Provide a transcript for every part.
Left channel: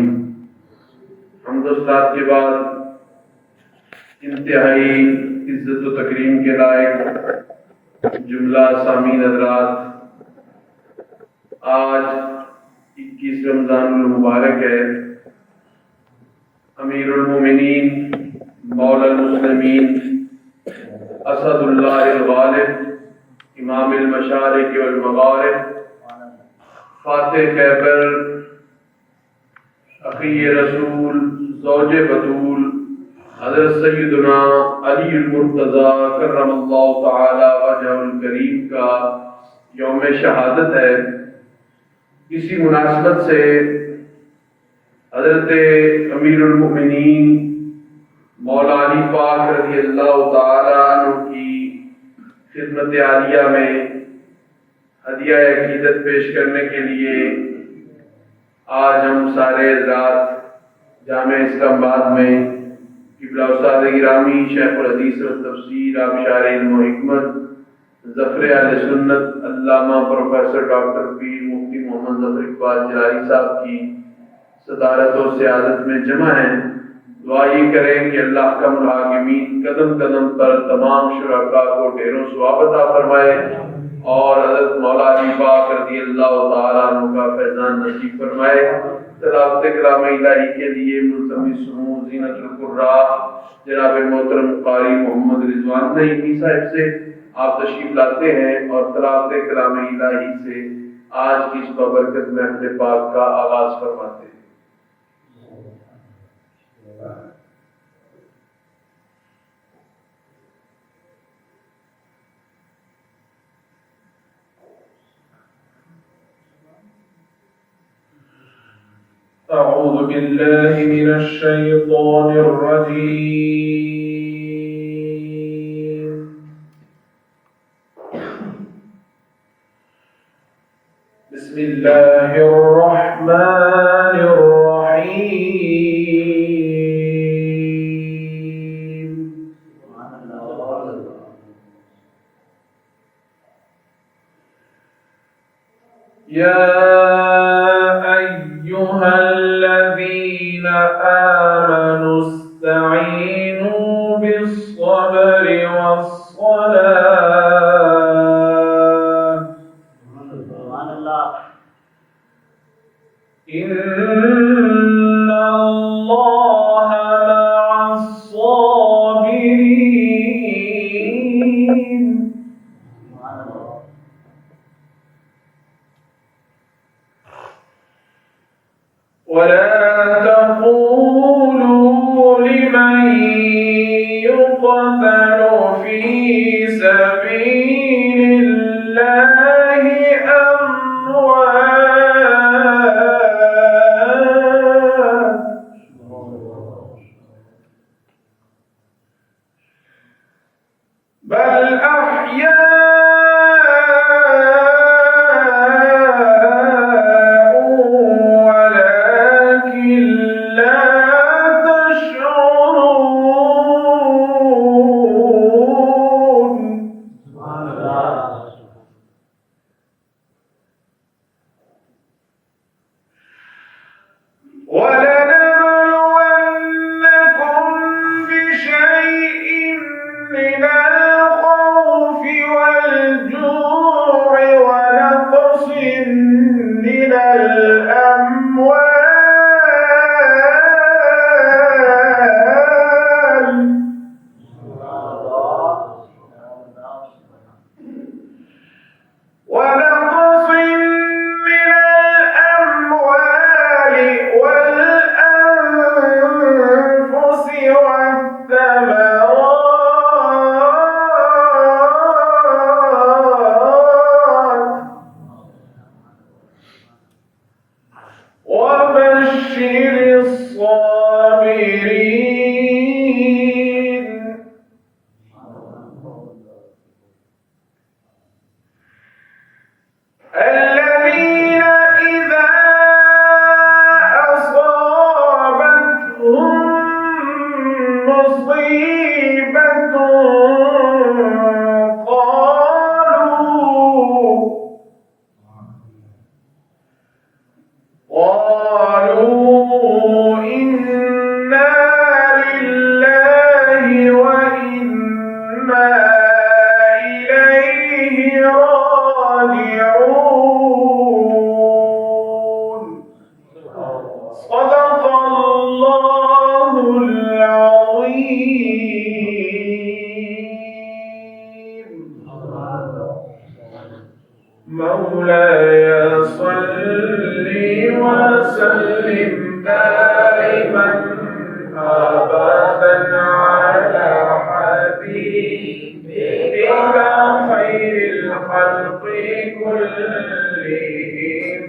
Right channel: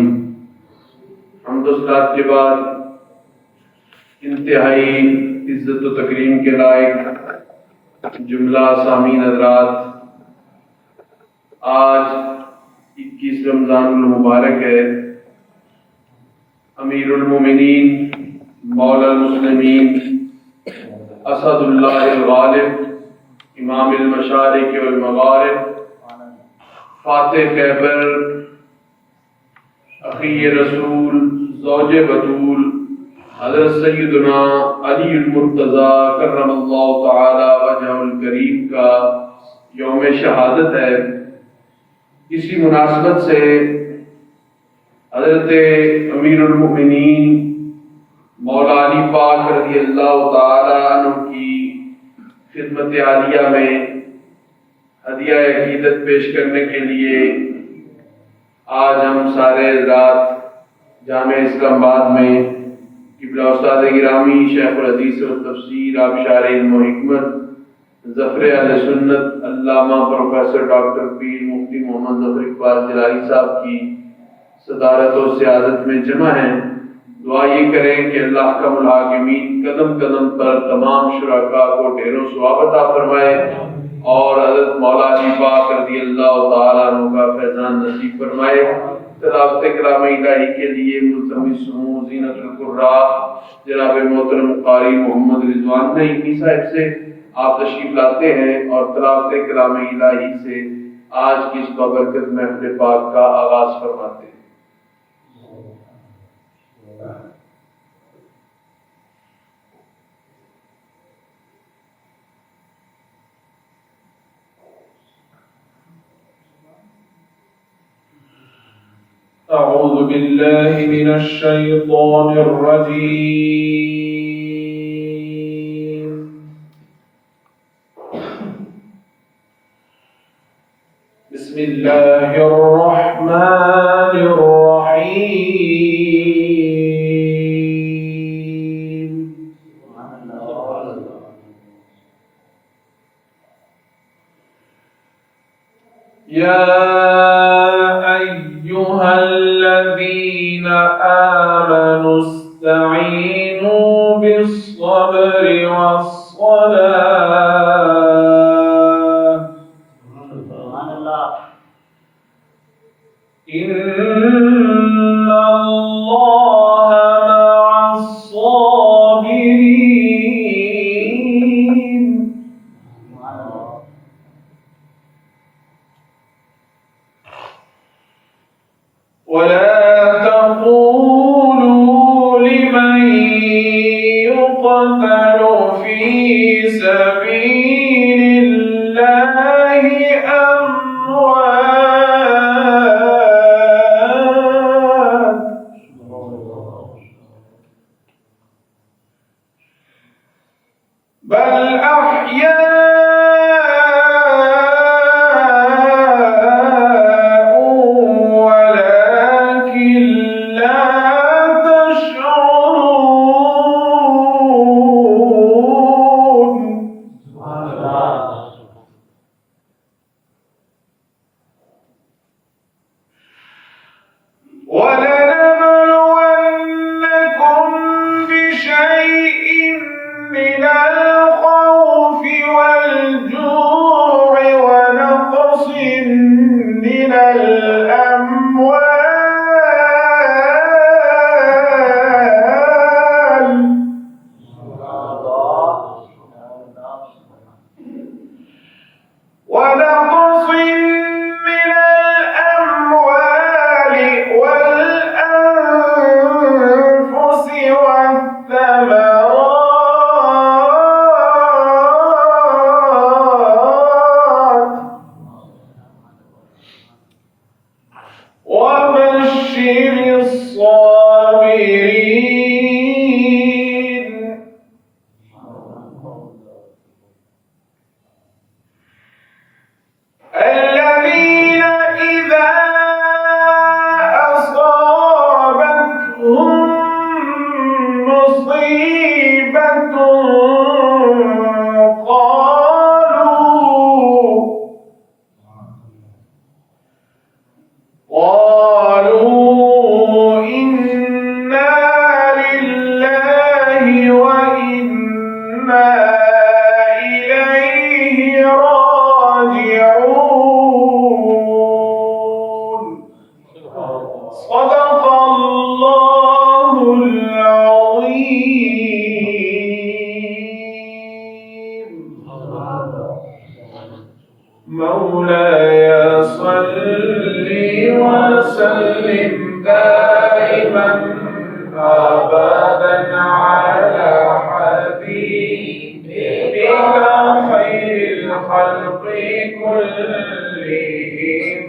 آمین۔ حمد و صلات کے بعد انتہائی عزت و تکریم کے لائق جملہ سامعین حضرات، آج 21 رمضان المبارک ہے۔ امیر المومنین مولا المسلمین اسد اللہ الغالب امام المشارق والمغارب فاتح خیبر اخی رسول زوج بطول حضرت سیدنا علی المرتضیٰ کرم اللہ تعالی وجہہ الکریم کا یوم شہادت ہے۔ اسی مناسبت سے حضرت امیر المؤمنین مولا علی پاک رضی اللہ تعالی عنہ کی خدمت عالیہ میں ہدیہ عقیدت پیش کرنے کے لیے آج ہم سارے رات جامع اسلام آباد میں قبلہ استاد گرامی شیخ الحدیث والتفسیر آبشار علم و حکمت ظفر اہل سنت علامہ پروفیسر ڈاکٹر پیر مفتی محمد ظفر اقبال جلالی صاحب کی صدارت و سیادت میں جمع ہیں۔ دعا یہ کریں کہ اللہ کا الحاکمین قدم قدم پر تمام شرکاء کو ڈھیروں ثواب عطا فرمائے اور حضرت مولا علی پاک رضی اللہ تعالیٰ عنہ کا فیضان نصیب فرمائے۔ تلاوت کلام الہی کے لیے ملتمس ہوں زینت القراء جناب محترم قاری محمد رضوان نعیمی صاحب سے آپ تشریف لاتے ہیں اور تلاوت کلام الہی سے آج کی اس بابرکت محفل پاک کا آغاز فرماتے ہیں۔ أعوذ بالله من الشيطان الرجيم بسم الله الرحمن الرحيم يا أيها الذين آمنوا استعينوا بالصبر والصلاة إن الله مع الصابرين ولا تقولوا لمن يقتل في سبيل الله أموات بل أحياء ولكن لا تشعرون ولنبلونكم بشيء من الخوف والجوع ونقص من الأموال والأنفس والثمرات وبشر الصابرين الذين إذا أصابتهم مصيبة قالوا صدق الله العظيم. مولاي صل وسلم دائما أبدا على حبيبك خير الخلق كلهم.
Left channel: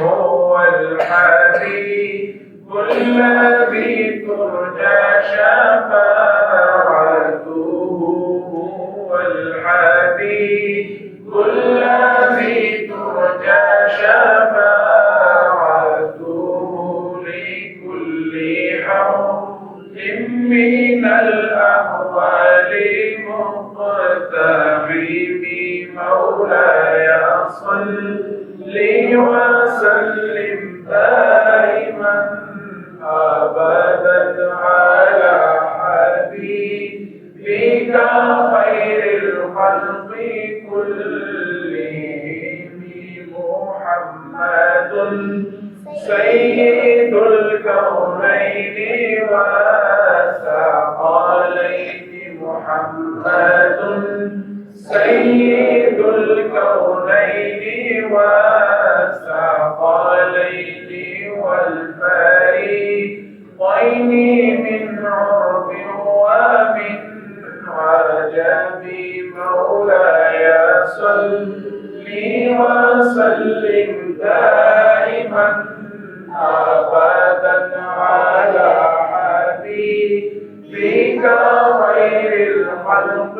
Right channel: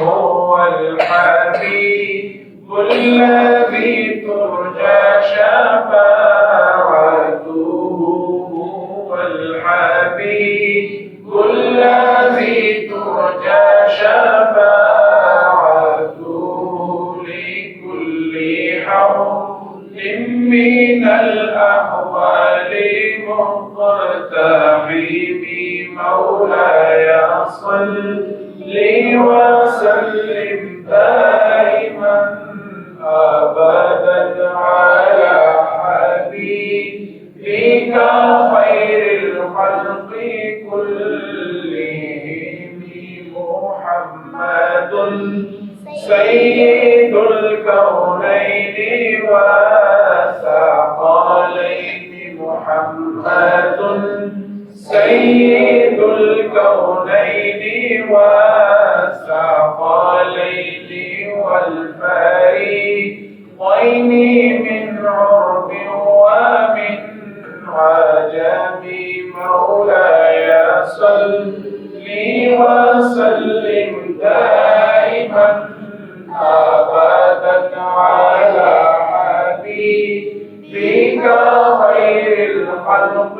هو الحبيب الذي ترجى شفاعته. هو الحبيب الذي ترجى شفاعته لكل حول من الأحوال مقتحم. مولاي صل وسلم دائما أبدا على حبيبك خير الخلق كلهم. محمد سيد الكونين والثقلين. محمد سيد الكونين والثقلين والفريقين من عرب ومن عجم. مولاي صل وسلم دائما أبدا على حبيبك خير الخلق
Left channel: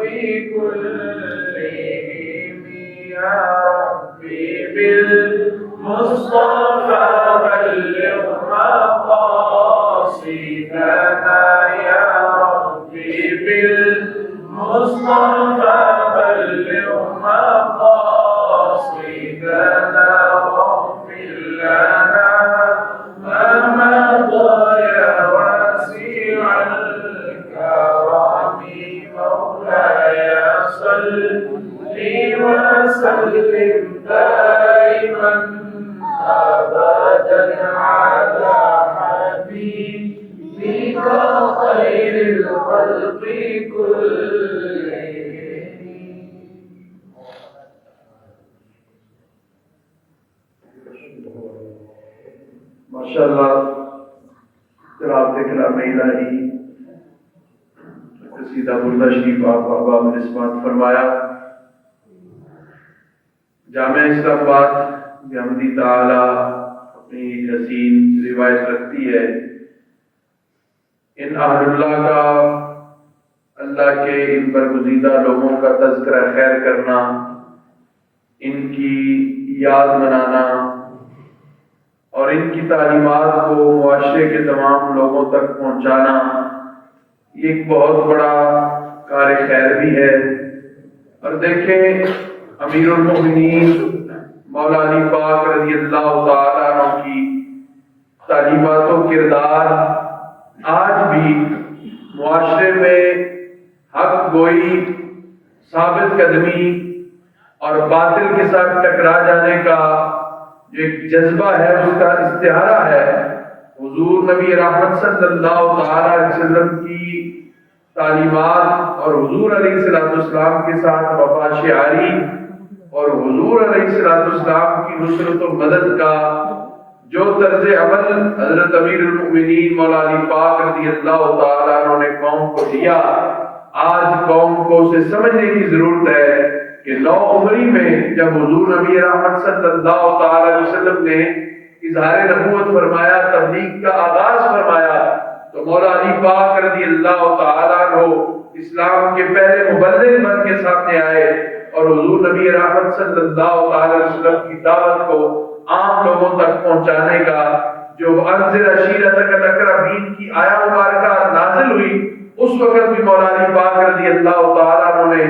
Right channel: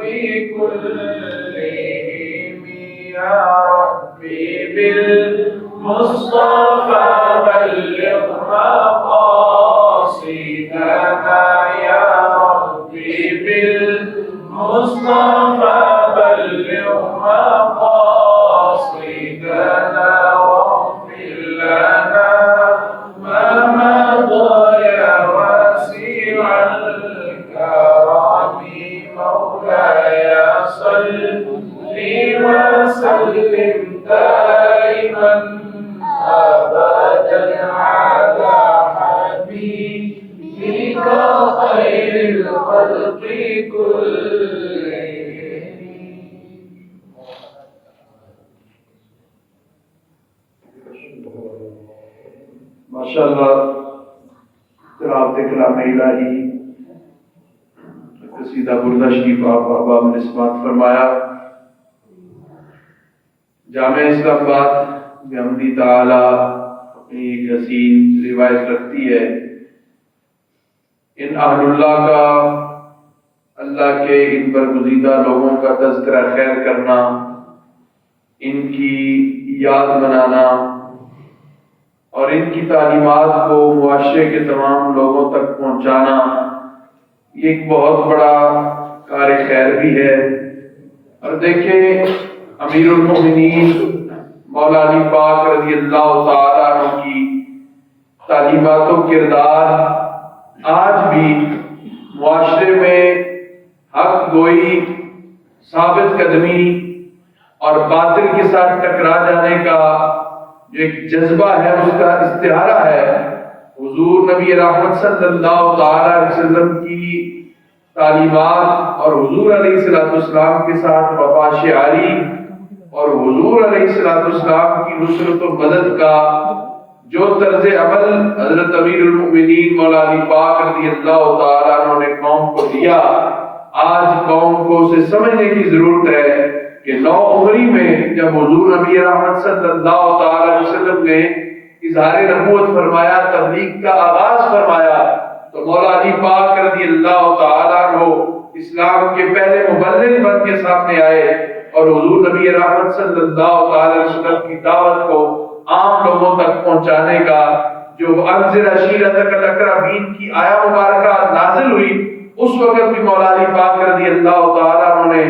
كلهم. يا ربي بالمصطفى بلغ مقاصدنا. يا ربي بالمصطفى بلغ مقاصدنا واغفر لنا ما مضى يا واسع الكرم. مولاي صل وسلم دائما أبدا على حبيبك خير الخلق كلهم. ماشاءاللہ تلاوت کلام الہی قصیدہ بردہ شریف آپ احباب نے سماعت فرمایا. جامع اسلام آباد بحمدی تعالی اپنی ایک حسین روایت رکھتی ہے. ان اہل اللہ کا اللہ کے ان برگزیدہ لوگوں کا تذکرہ خیر کرنا، ان کی یاد منانا اور ان کی تعلیمات کو معاشرے کے تمام لوگوں تک پہنچانا، یہ ایک بہت بڑا کار خیر بھی ہے. اور دیکھیں امیر المومنین مولا علی پاک رضی اللہ تعالیٰ عنہ کی تعلیمات و کردار آج بھی معاشرے میں حق گوئی، ثابت قدمی اور باطل کے ساتھ ٹکرا جانے کا جو ایک جذبہ ہے اس کا استعارہ ہے. حضور نبی رحمت صلی اللہ تعالی علیہ وسلم کی تعلیمات اور حضور علیہ السلام کے ساتھ وفا شعاری اور حضور علیہ السلام کی نصرت و مدد کا جو طرز عمل حضرت امیر المؤمنین مولا علی پاک رضی اللہ تعالیٰ عنہ نے قوم کو دیا، آج قوم کو اسے سمجھنے کی ضرورت ہے کہ 9 عمری میں جب حضور نبی رحمت صلی اللہ تعالی علیہ وسلم نے اظہار نبوت فرمایا، تبلیغ کا آغاز فرمایا، تو مولا علی پاک رضی اللہ تعالیٰ عنہ اسلام کے پہلے مبلغ بن کے سامنے آئے اور حضور نبی رحمت صلی اللہ علیہ وسلم کی دعوت کو عام لوگوں تک پہنچانے کا جو انذر عشیرتک الاقربین کی آیا مبارکہ نازل ہوئی، اس وقت بھی مولا علی پاک رضی اللہ تعالیٰ عنہ نے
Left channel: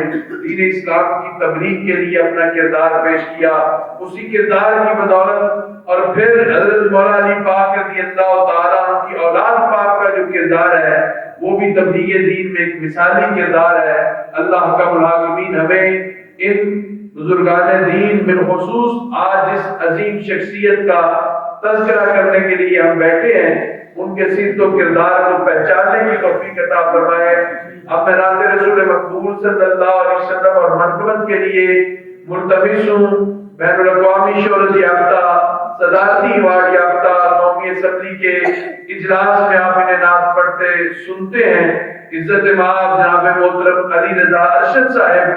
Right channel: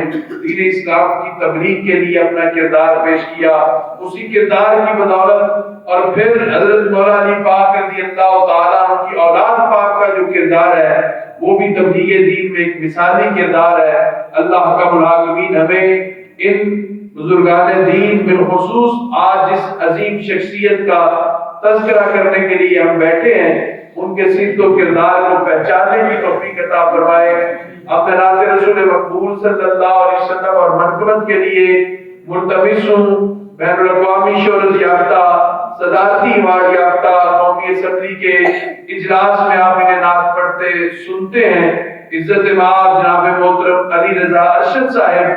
دین اسلام کی تبلیغ کے لیے اپنا کردار پیش کیا. اسی کردار کی بدولت اور پھر حضرت مولا علی پاک رضی اللہ تعالیٰ عنہ کی اولاد پاک کا جو کردار ہے وہ بھی تبلیغ دین میں ایک مثالی کردار ہے. اللہ کا العالمین ہمیں ان بزرگان دین بالخصوص آج جس عظیم شخصیت کا تذکرہ کرنے کے لیے ہم بیٹھے ہیں، ان کے سیرت و کردار کو پہچاننے کی توفیق عطا فرمائے۔ اپنے نام رسول مقبول صلی اللہ علیہ وسلم اور منقبت کے لیے ملتمس ہوں بین الاقوامی شہرت یافتہ، صدارتی ایوارڈ یافتہ قومی اسمبلی کے اجلاس میں آپ انہیں نعت پڑھتے سنتے ہیں۔ عزت مآب جناب محترم علی رضا ارشد صاحب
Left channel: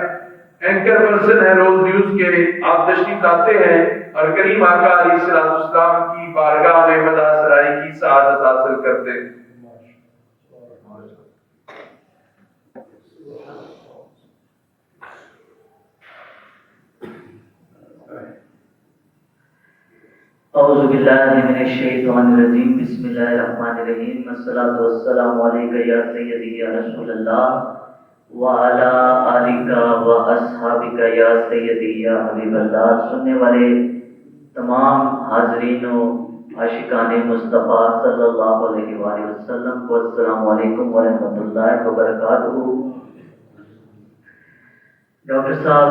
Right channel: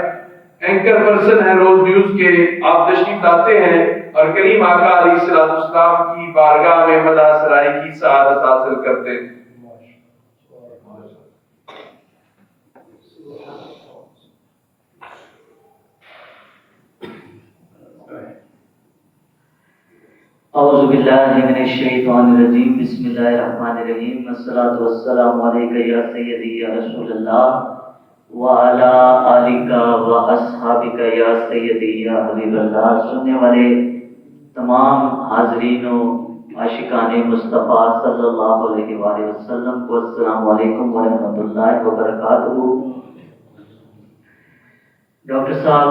اینکر پرسن ہے روز نیوز کے، آپ تشریف لاتے ہیں اور کریم آقا علیہ السلام کی بارگاہ میں مدح سرائی کی سعادت حاصل کرتے ہیں۔ اعوذ باللہ من الشیطان الرجیم، بسم اللہ الرحمن الرحیم، والصلاة والسلام علیکہ یا سیدی یا رسول اللہ وعلی آلک و اصحابک یا سیدی یا حبیب اللہ۔ سننے والے تمام حاضرین و عاشقان مصطفیٰ صلی اللہ علیہ وآلہ وسلم کو السلام علیکم ورحمۃ اللہ وبرکاتہ۔ ڈاکٹر صاحب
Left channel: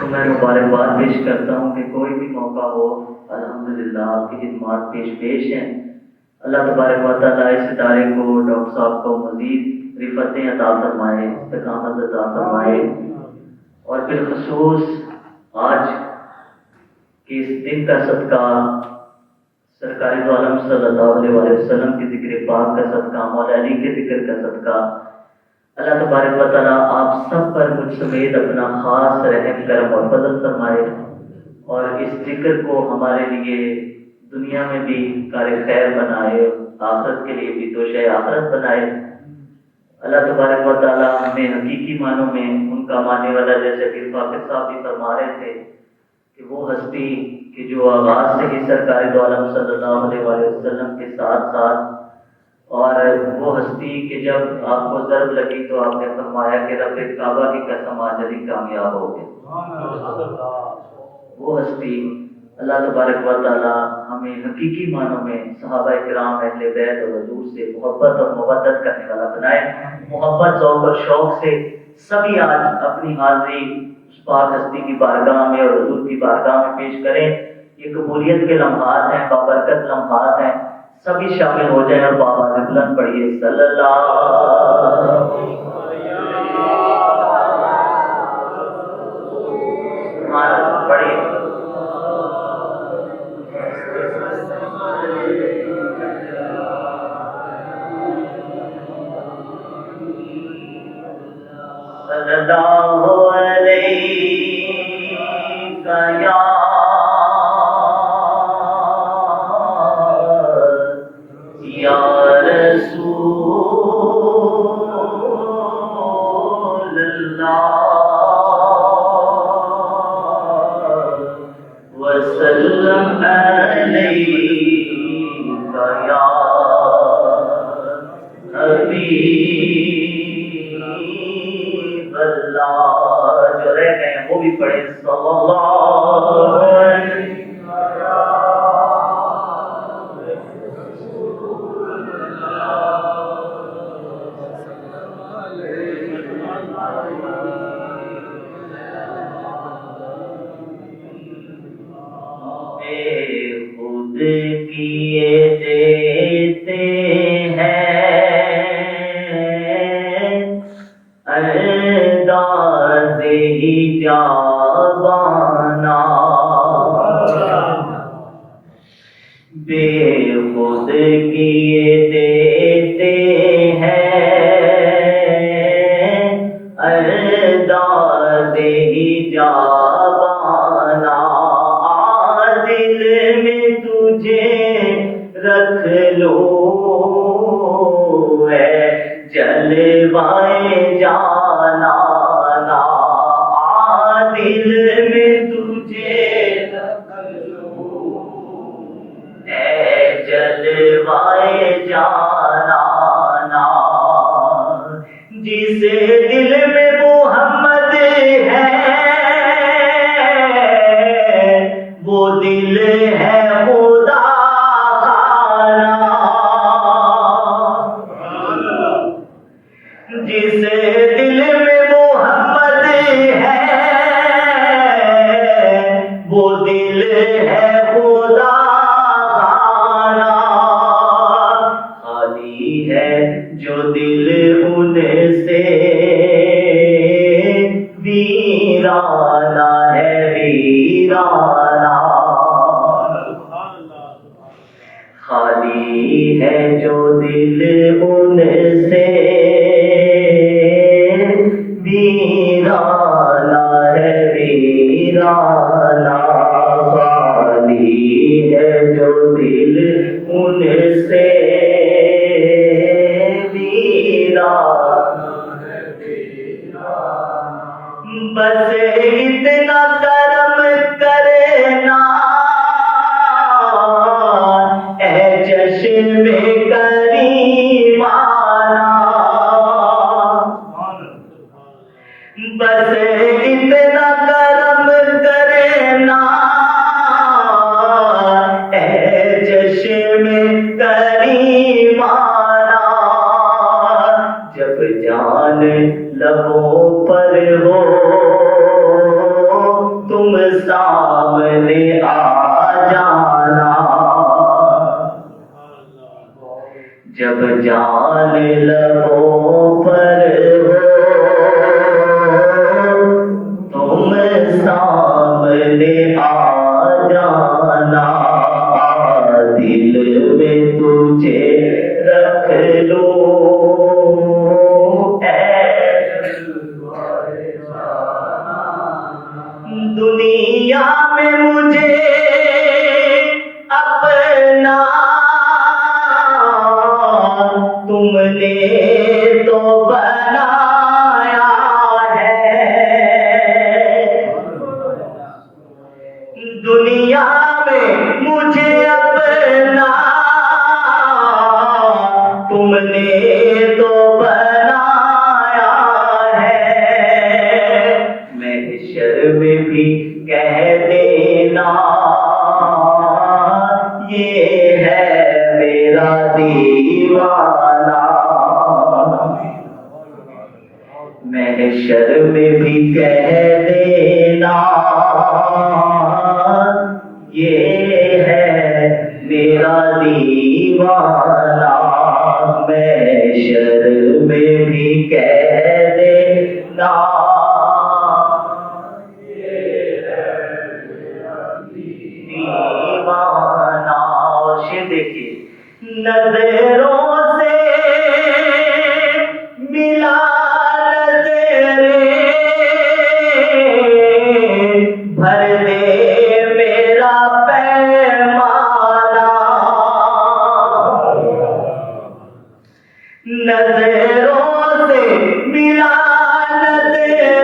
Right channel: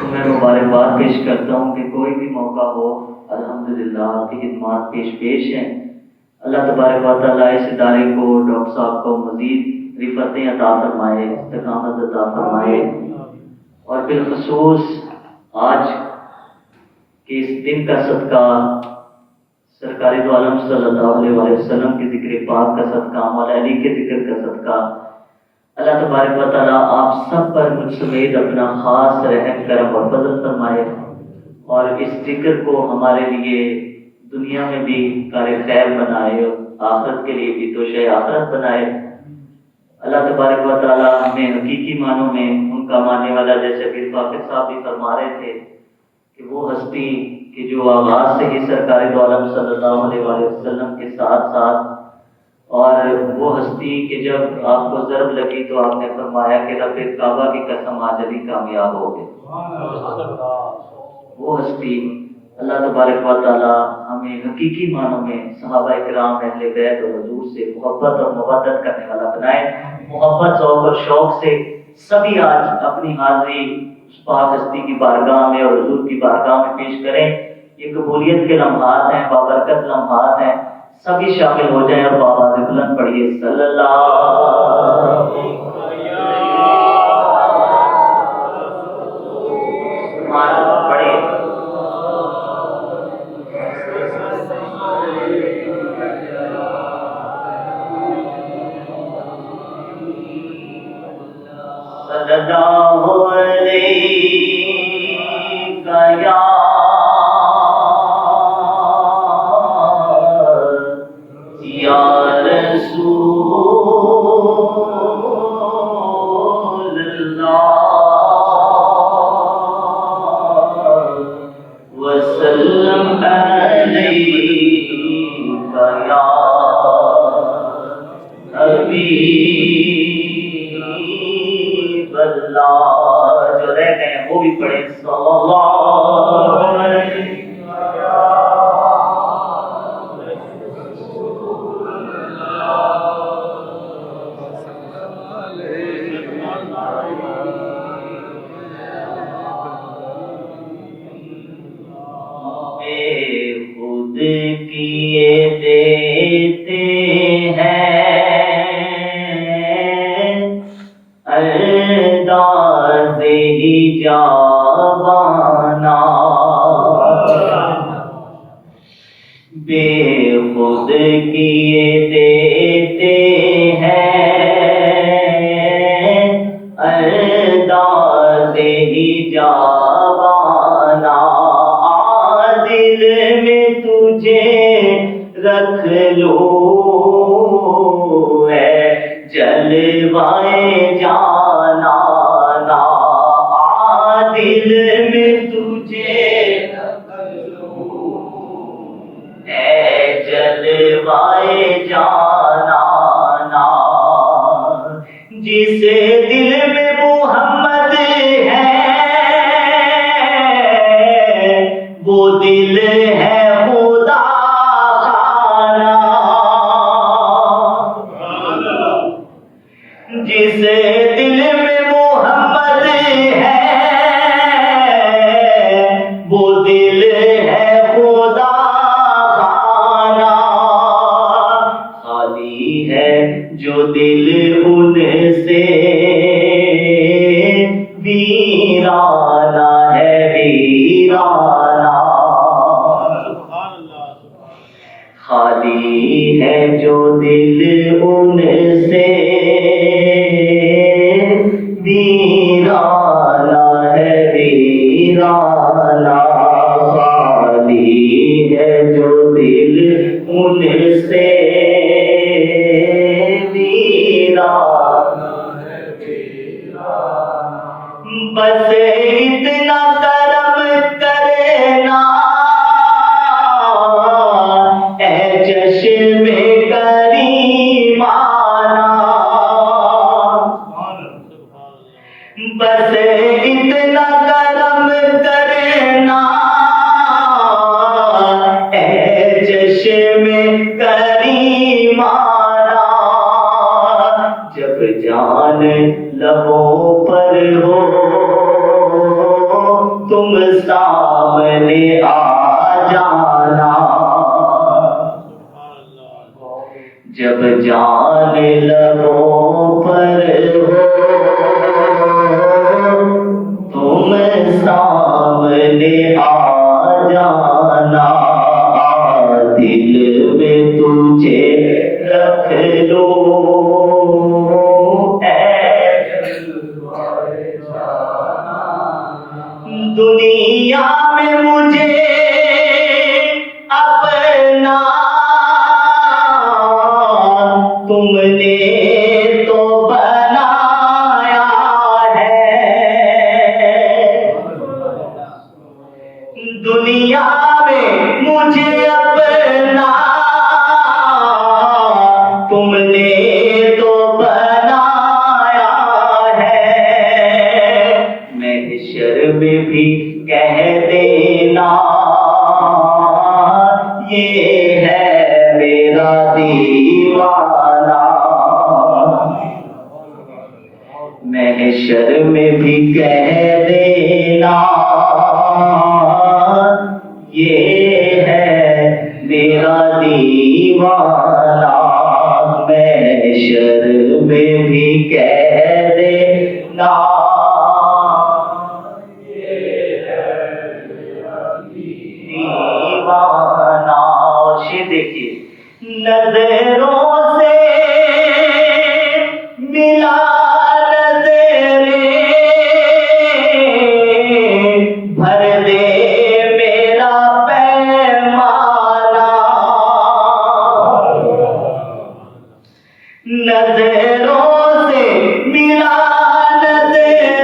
کو میں مبارکباد پیش کرتا ہوں کہ کوئی بھی موقع ہو الحمدللہ آپ کی خدمات پیش ہیں۔ اللہ تبارک و تعالیٰ اس ادارے کو، ڈاکٹر صاحب کو مزید رفعتیں عطا فرمائے، استقامت عطا فرمائے، اور بالخصوص آج کے اس دن کا صدقہ، سرکار دو عالم صلی اللہ علیہ وسلم کے ذکر پاک کا صدقہ، مولا علی کے ذکر کا صدقہ، اللہ تبارک و تعالیٰ آپ سب پر مجھ سمیت اپنا خاص رحم کرم اور فضل فرمائے، اور اس ذکر کو ہمارے لیے دنیا میں بھی کار خیر بنائے، آخرت کے لیے بھی توشہ آخرت بنائے۔ اللہ تبارک و تعالیٰ ہمیں حقیقی معنوں میں ان کا ماننے والا، جیسے پھر فاقر صاحب بھی فرما رہے تھے کہ وہ ہستی کہ جو آغاز سے ہی سرکار دو عالم صلی اللہ علیہ وسلم کے ساتھ ساتھ، اور وہ ہستی کہ جب آپ کو ضرب لگی تو آپ نے فرمایا کہ رب کعبہ کی قسم آج علی کامیاب ہو گئے۔ وہ ہستی اللہ تبارک و تعالیٰ ہمیں حقیقی معنوں میں صحابہ کرام اہل بیت اور حضور سے محبت اور مودت کرنے والا بنائے۔ محبت، ذوق اور شوق سے سبھی آج اپنی حاضری اس پاک ہستی کی بارگاہ میں اور حضور کی بارگاہ میں پیش کریں۔ یہ قبولیت کے لمحات ہیں، بابرکت لمحات ہیں، سبھی شامل ہو جائیں اور بآواز بلند پڑھیے صلی اللہ پڑھیے۔ صلی اللہ علیہ یا جو رہ گئے ہیں وہ بھی پڑھیں صلی اللہ علیہ خود کیے دیتے ہیں انداز ہی جاوانا، بے خود کیے دیتے ہیں انداز ہی جاوانا، دل میں تجھے رکھ لو ہے جلوائے جانا نا، دل میں تجھے رکھ لو ہے جلوائے جانا نا، جس دل میں محمد ہے وہ دل ہے خدا خانہ، جس دل میں محمد ہے وہ دل ہے خدا خانہ، جو دل ان سے ویرانہ ہے ویرانہ، خالی ہے جو دل ان سے ویرانہ ہے ویرانہ، خالی ہے جو دل ان سے ویرانہ ہے ویرانہ، بس اتنا کرم کرنا اے چشم کریمانہ، بس اتنا کرم کرنا اے چشم کریمانہ، جب جان لبوں پر ہو تم سامنے آ جانا، جب جان لبوں پر ہو تم سامنے آ جانا، دل میں تجھے رکھ لو دنیا میں مجھے اپنا تم نے تو بنایا ہے، دنیا میں مجھے اپنا تم نے تو بنایا ہے، محشر میں بھی کہہ دینا یہ ہے میرا دیوانہ، محشر میں بھی کہہ دینا یہ ہے میرا دیوانہ، محشر میں بھی کہہ دینا دیوانہ، شیر دیکھیے، نظروں سے ملا نظریں بھر دے میرا پیمانہ، نظروں سے ملا نظریں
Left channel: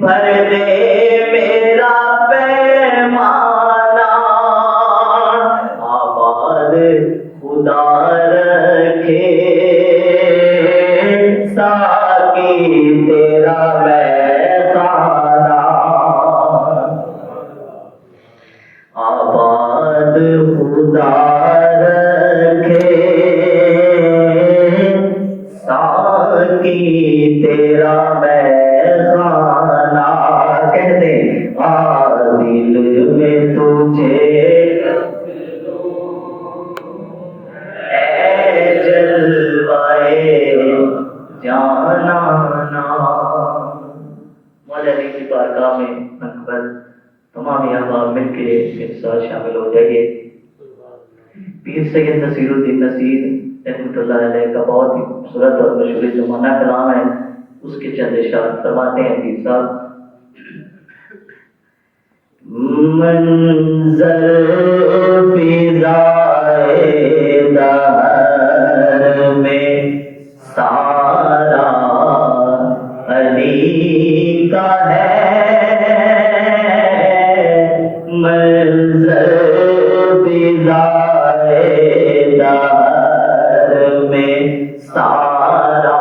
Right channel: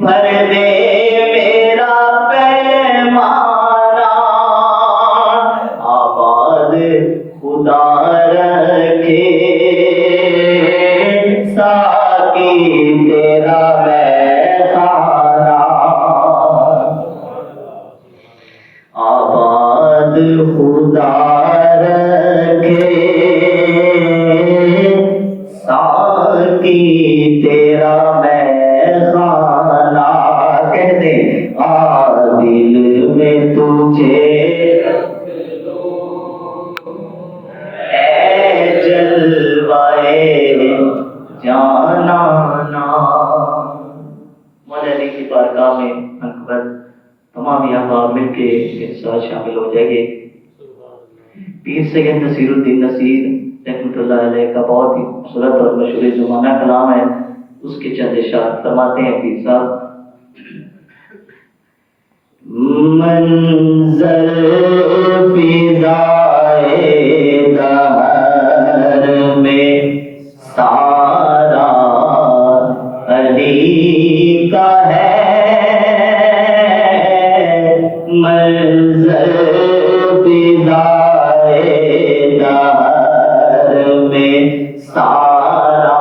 بھر دے میرا پیمانہ، آباد خدا رکھے ساقی تیرا میخانہ، آباد خدا رکھے ساقی تیرا میخانہ، کہتے دل میں تجھے اے جلوائے جانانا، مولا علی کی بارگاہ میں اکبر تمام احباب مل کے اس ساتھ شامل ہو جائے گے۔ پیر سید نصیر الدین نصیر رحمۃ اللہ علیہ کا بہت ہی خوبصورت اور مشہور زمانہ کلام ہے، اس کے چند اشعار فرماتے ہیں پیر صاحب، منظر فضائے دہر میں سارا علی کا ہے، منظر فضائے دہر میں سارا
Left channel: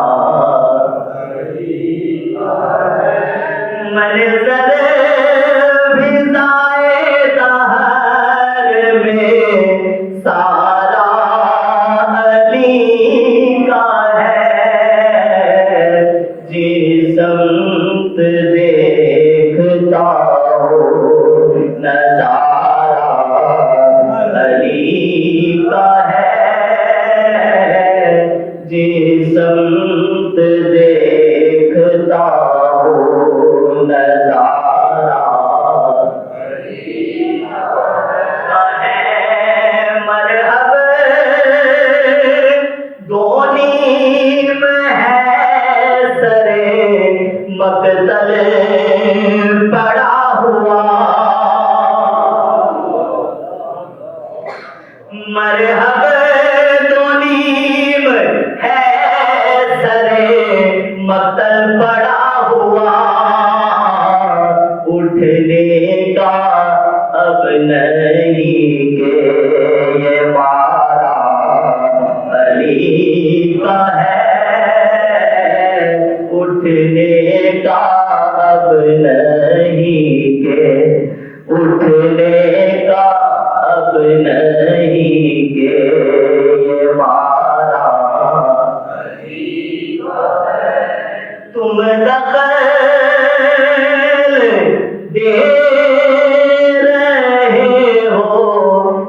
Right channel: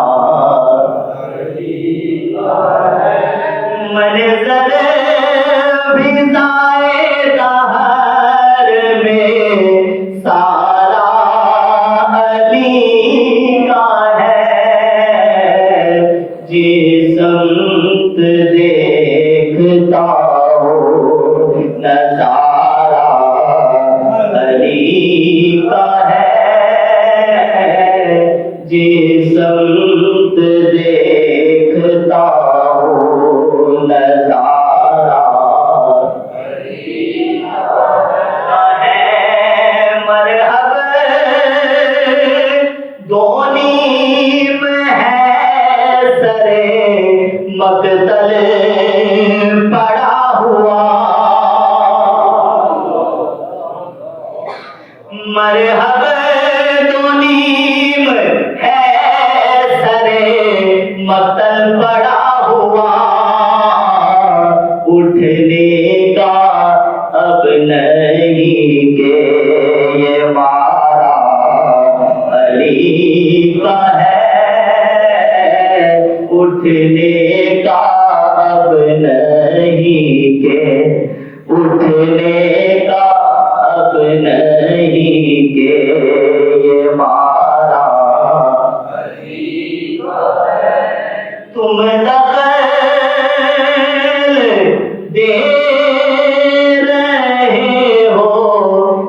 علی کا ہے، منظر فضائے دہر میں سارا علی کا ہے، جس سمت دیکھتا ہو نظارہ علی کا ہے، جس سمت دیکھتا ہوں نظارہ ہے مرحب دونیم ہے سرے مقتل پڑا ہوا مرحب دونیم ہے سرے مقتل پڑا ہوا اٹھنے کا اب نہیں کہ یہ مارا علی کا ہے اٹھنے کا اب نہیں کہ اٹھنے کا اب نہیں کہ یہ مارا علی کا ہے تم دخل دے رہے ہو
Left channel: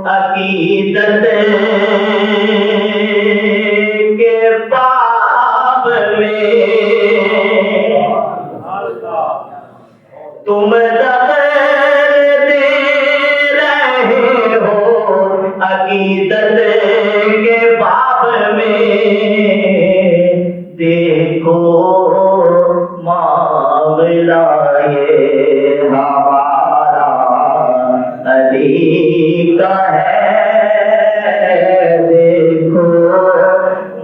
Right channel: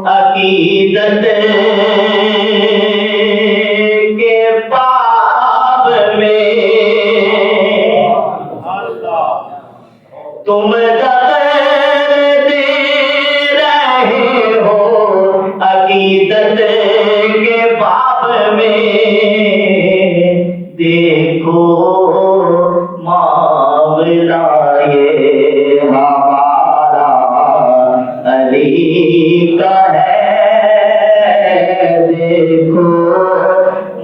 عقیدت کے باب میں تم دخل دے رہے ہو عقیدت کے باب میں دیکھو معاملہ یہ ہمارا علی کا ہے دیکھو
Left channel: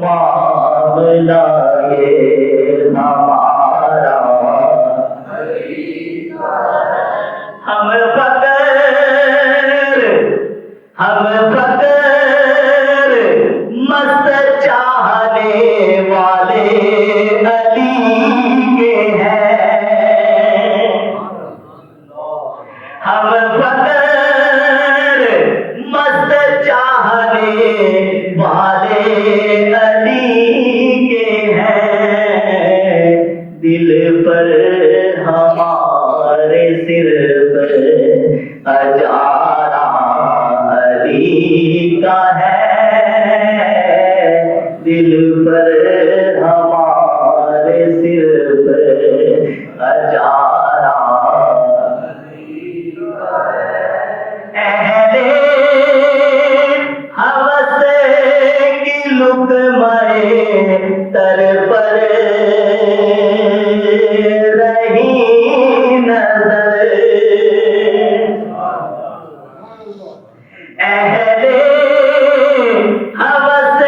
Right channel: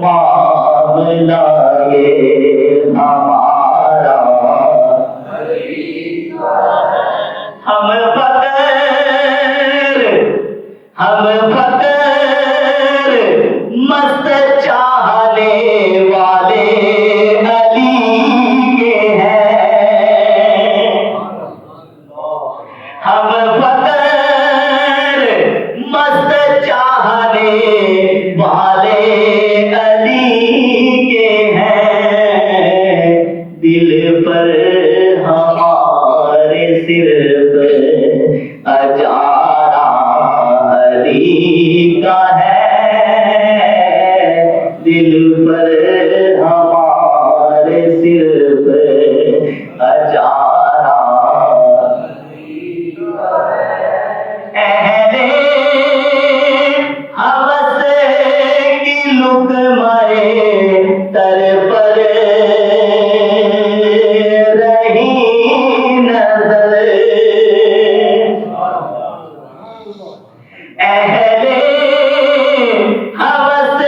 معاملہ یہ ہمارا علی کا ہے ہم فقر مست چاہنے والے علی کے ہیں ہم فقر مست چاہنے والے علی کے ہیں دل پر ہمارے صرف اجارہ علی کا ہے دل پر ہمارے صرف اجارہ علی کا ہے اہل ہوس کی لقمۂ تر پر رہی نظر اہل ہوس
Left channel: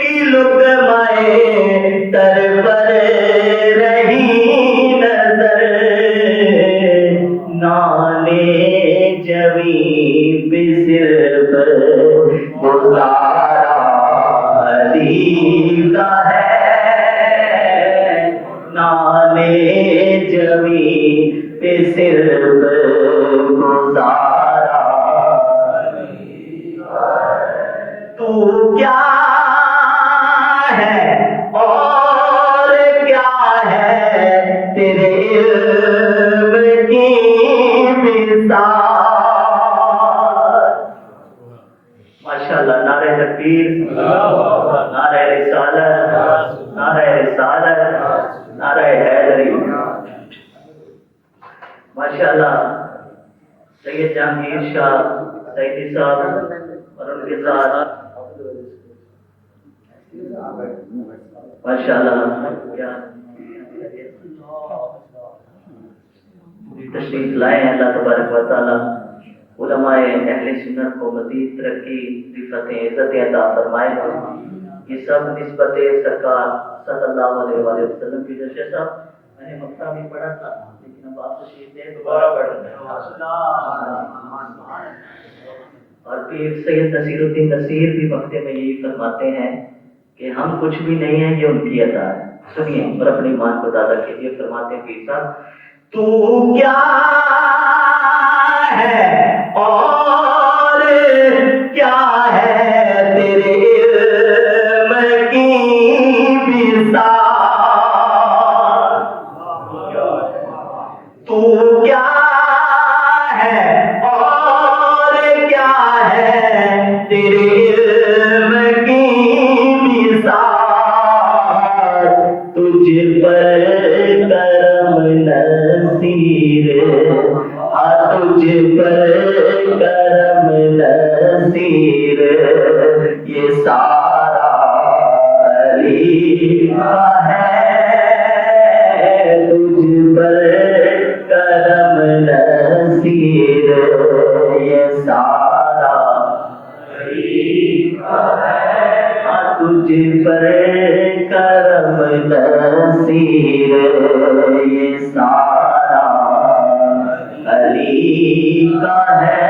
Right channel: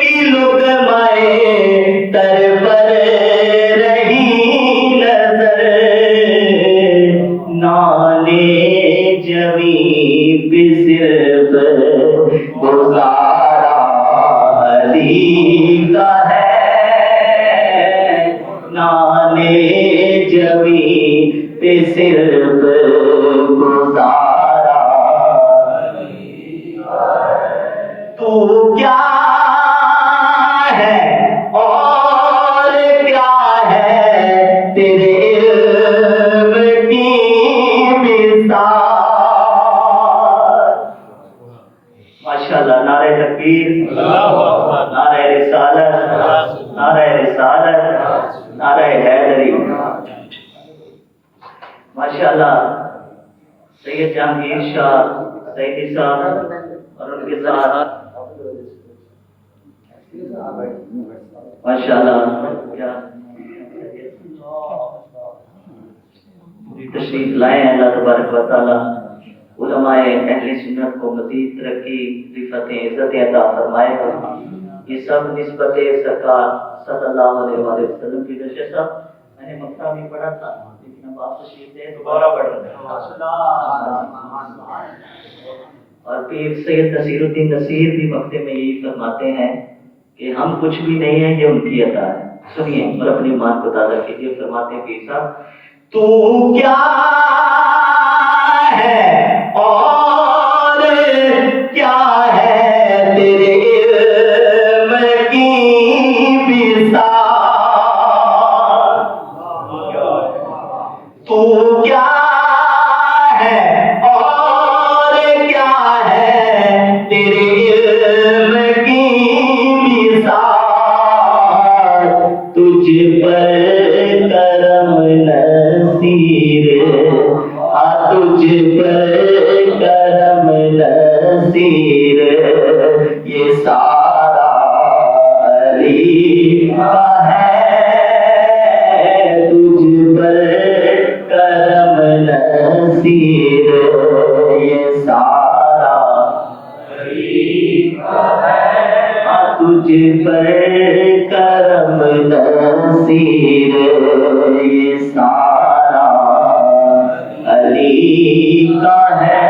کی لقمۂ تر پر رہی نظر نانے جویں پہ صرف گزارا علی کا ہے نانے جویں پہ صرف گزارا علی کا ہے تو کیا ہے اور کیا ہے تیرے علم کی مثال ماشاءاللہ نعرہ تکبیر نعرہ رسالت نعرہ حیدری ماشاءاللہ سید جہانگیر شاہ سیدی صاحب اور ان کے ساتھ ماشاءاللہ کیا تشریف لائے ہیں اللہ تبارک و تعالی علماء اہل سنت کو مزید ترقی رفعتیں عزتیں عطا فرمائے یہ سب نسبت سرکار صلی اللہ علیہ وآلہ وسلم کی وجہ سے میں نے مکہ بھی پڑھا تھا لیکن اب آپ تشریف لے دوبارہ پڑھ رہے اور پیر سید نصیر الدین نصیر بھی مکتے میں یہی فرماتے ہیں کہ ہم کچھ بھی نہیں ہیں یہ ان کی عطا ہے سنیے اور اپنی ایمان کو تازہ کیجیے فرماتے ہیں پیر صاحب تو کیا ہے اور کیا ہے تیرے علم کی مثال تو کیا ہے اور کیا ہے تیرے علم کی مثال تجھ پر کرم نصیر یہ سارا علی کا ہے